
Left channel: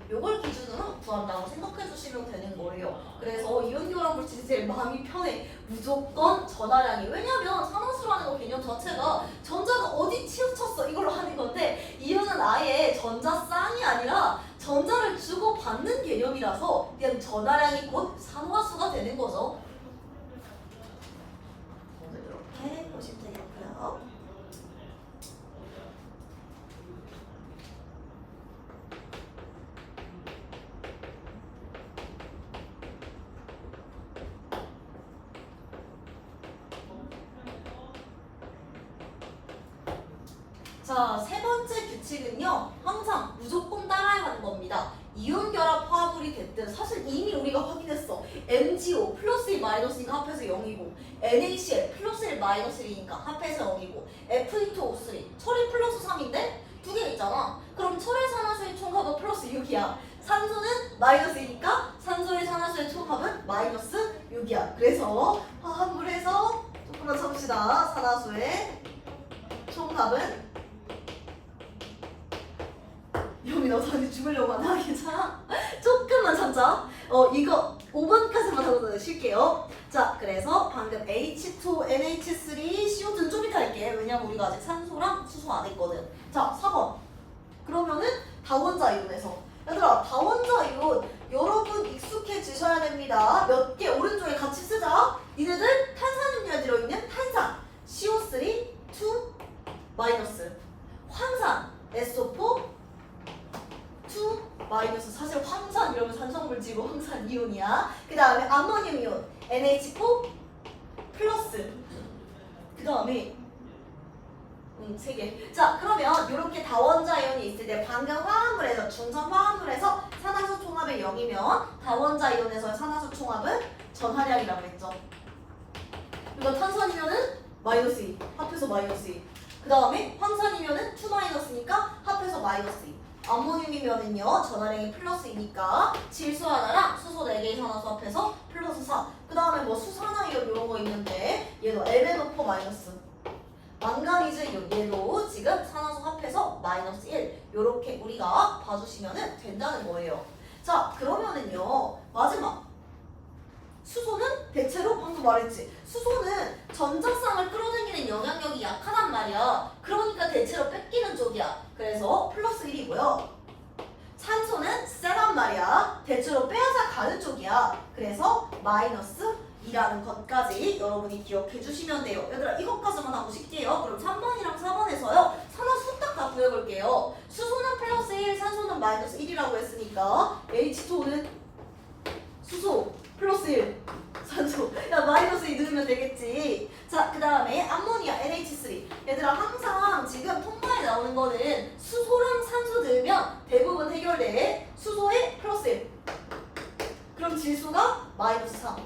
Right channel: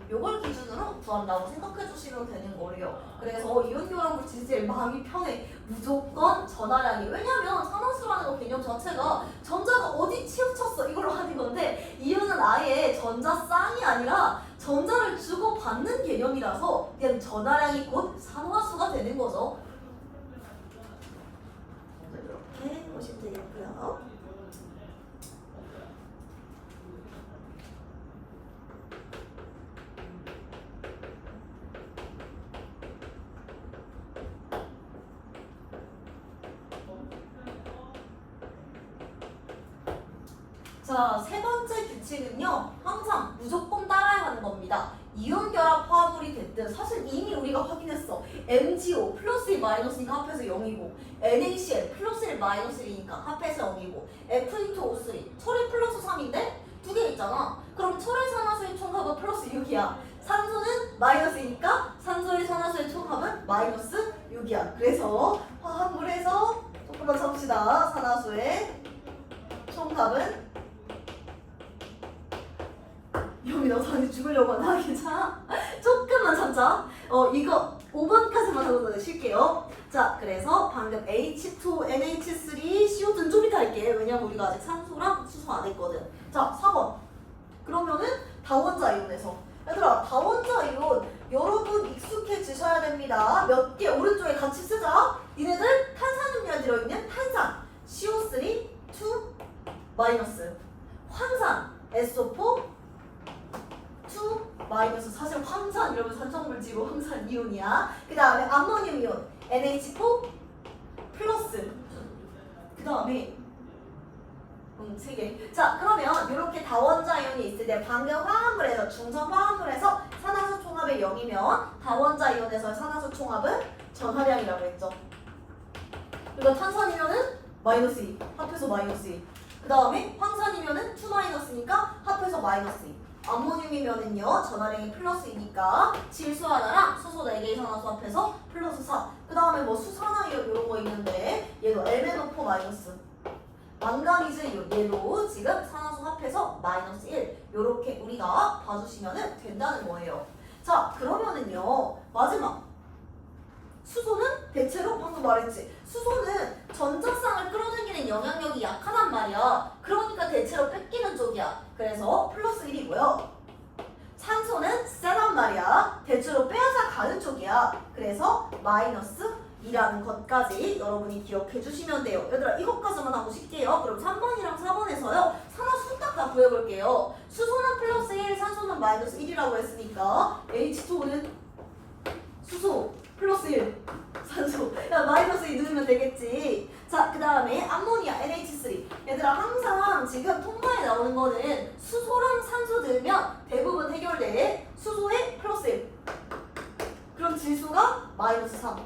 요걸 기준으로 구한다고 생각해 주시면 되는 거예요. 그래서 이온교랑 물질이 제일 마음이 편해. 무조건 전하량이. 왜냐면 산화수라는 거 개념 자체가 전자가 어디 치우쳤어 이걸로 하는 건데, 이온은 아예 전자쌍이 아니라 전자를 주고받는 개념이라서 그냥 전하량이 곧 산화수가 되는 거죠. 이렇게 보시면 되겠고요. 자, 세 번째 규칙은요, 항상 무조건 따라야 하는 겁니다. 이온 결합 화합물이 됐든, 사실 이미 우리가 확인했어. MgO 플러스 1 마이너스니까 합해서 0이고, NaCl 플러스 1 마이너스 1이니까 합해서 0이고, F2O3 철이 플러스 3인데 두 개 있잖아. 그럼 철의 산화수의 총합은 플러스 6이야. 산소는 마이너스 2니까 산소의 산화수의 총합은 마이너스 6이야. 그래서 화합물에서 조금만 참읍시다. 산화수의 총합은 여기 너 사실 죽으려고 하나? 괜찮아? 조금만 참자. 이거 5번까지만 하고 쉴게요. 자, 그래서 방금 H2NH3 CO2는 좀 이따 할게. 왜냐면 우리가 아직 산소랑 수소 안 했거든. 자, 4번. 그러면은 다원자 이온에서. 얘들아, 다원자 이온 여러분 익숙해지셔야 됩니다. 몇 개 오른쪽에 같이 쓰자. 니네들 탄산음료에 들어있는 탄산 CO3 2 마이너스, 황산 SO4 2 마이너스. 사실 황산 이러면 산성물질로 황산 이온이야. 그 다음에 암모늄 이온 NH4 플러스. 그 다음에 3개. 자, 그러면 이렇게 다원자 이온이 있을 때 방금 화합물에서 중성 화합물에서 산화수 총합이 0이면 다원자 이온에서의 산화수 총합은 전하량이라고 했죠. 그러니까 탄산이면은 마이너스 2 합해서 마이너스 2. 그 다음에 황산이면은 2 마이너스니까 합해서 마이너스 2. 암모늄이면은요 전하량이 플러스 2니까 질소 하나랑 수소 4개의 산화수 합해서 플러스 4. 그 다음에 뭐 수산화이온 이런 거 있는데 얘도 MnO4 마이너스. 망가니즈 이온 얘도 지금 산화수 합해서 마이너스 1. 요렇게 우리가 봐주시면 된다는 거예요. 자, 그러면은요 마지막 수소는 대체로 방금 말했지. 수소는 전자쌍을 끌어당기는 영향력이 약하단 말이야. 그러니까 대체로 뺏기는 쪽이야. 그래서 플러스 1이고요. 산소는 세단 말이야. 대체로 빼앗아 가는 쪽이야. 그래서 마이너스 2라는 것까지 여러분이 기억해 주시면 돼요. 얘들아, 이것까지만 하고 쉴게요. 그럼 3번이랑 4번에서요 산화수 딱 다 구해볼게요. 수소는 플러스 1, 산소는 마이너스 1이라고 했으니까 H2O는 수소 플러스 1 산소. 야, 마이너스 2 넣으면 되겠지. 자, 그 다음에 암모니아 NH3. 얘들아, 항상 지금 통과에 나오는 거는 수소랑 산소 넣으면 대부분 해결돼. 수소에 플러스 1. 그럼 질소가 마이너스 3.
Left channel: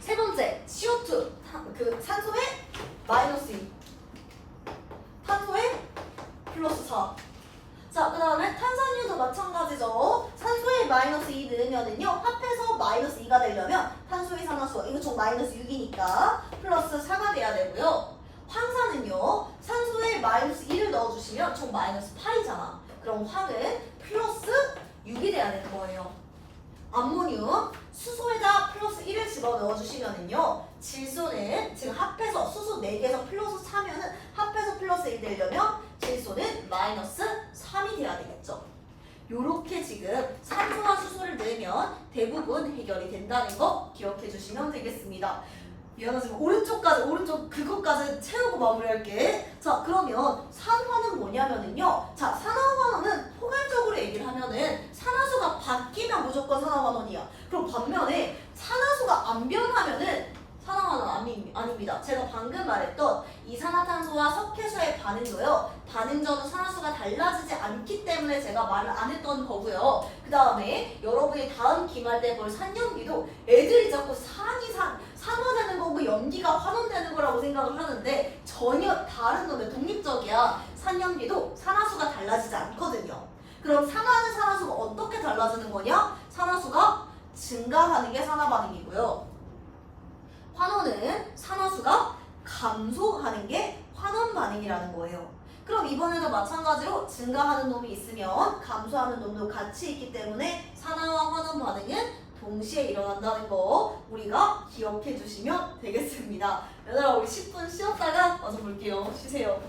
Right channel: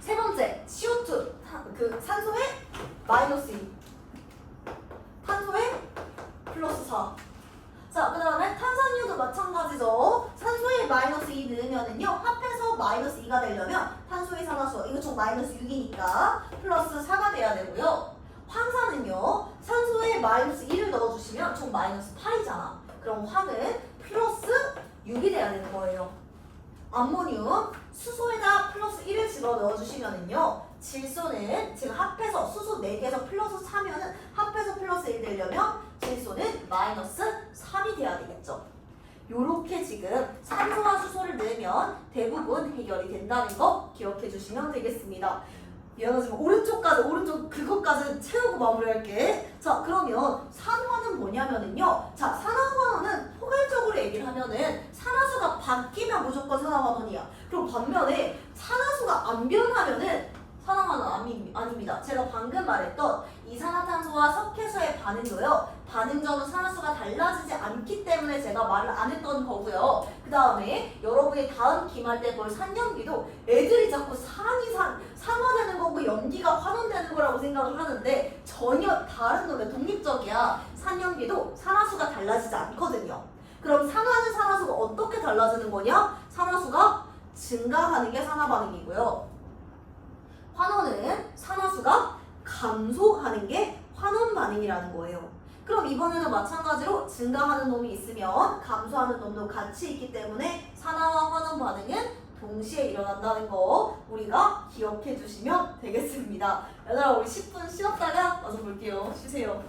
세 번째 CO2 그 산소에 마이너스 2. 탄소에 플러스 4. 자, 그 다음에 탄산이온도 마찬가지죠. 산소에 마이너스 2 넣으면은요 합해서 마이너스 2가 되려면 탄소의 산화수 이거 총 마이너스 6이니까 플러스 4가 돼야 되고요. 황산은요 산소에 마이너스 2를 넣어주시면 총 마이너스 8이잖아. 그럼 황은 플러스 6이 돼야 되는 거예요. 암모늄 수소에다 플러스 1을 집어 넣어주시면은요 질소는 지금 합해서 수소 4개에서 플러스 4면은 합해서 플러스 1 되려면 질소는 마이너스 3이 돼야 되겠죠. 요렇게 지금 산소와 수소를 넣으면 대부분 해결이 된다는 거 기억해 주시면 되겠습니다. 미안하지만 오른쪽 그것까지 채우고 마무리할게. 자, 그러면 산화는 뭐냐면은요. 자, 산화환원은 포괄적으로 얘기를 하면은 산화수가 바뀌면 무조건 산화환원이야. 그럼 반면에 산화수가 안 변하면은 산화환원 아닙니다. 제가 방금 말했던 이산화탄소와 석회수의 반응도요. 반응전은 산화수가 달라지지 않기 때문에 제가 말을 안 했던 거고요. 그 다음에 여러분이 다음 기말 때 볼 산연기도 애들이 자꾸 산화되는 거고 연기가 환원되는 거라고 생각을 하는데 전혀 다른 놈의 독립적이야. 산염기도 산화수가 달라지지 않거든요. 그럼 산화는 산화수가 어떻게 달라지는 거냐? 산화수가 증가하는 게 산화 반응이고요. 환원은 산화수가 감소하는 게 환원 반응이라는 거예요. 그럼 이번에도 마찬가지로 증가하는 놈이 있으면 감소하는 놈도 같이 있기 때문에 산화와 환원 반응은 동시에 일어난다는 거 우리가 기억해 주시면 되겠습니다. 얘들아 우리 10분 쉬었다가 와서 볼게요. 쉬세요.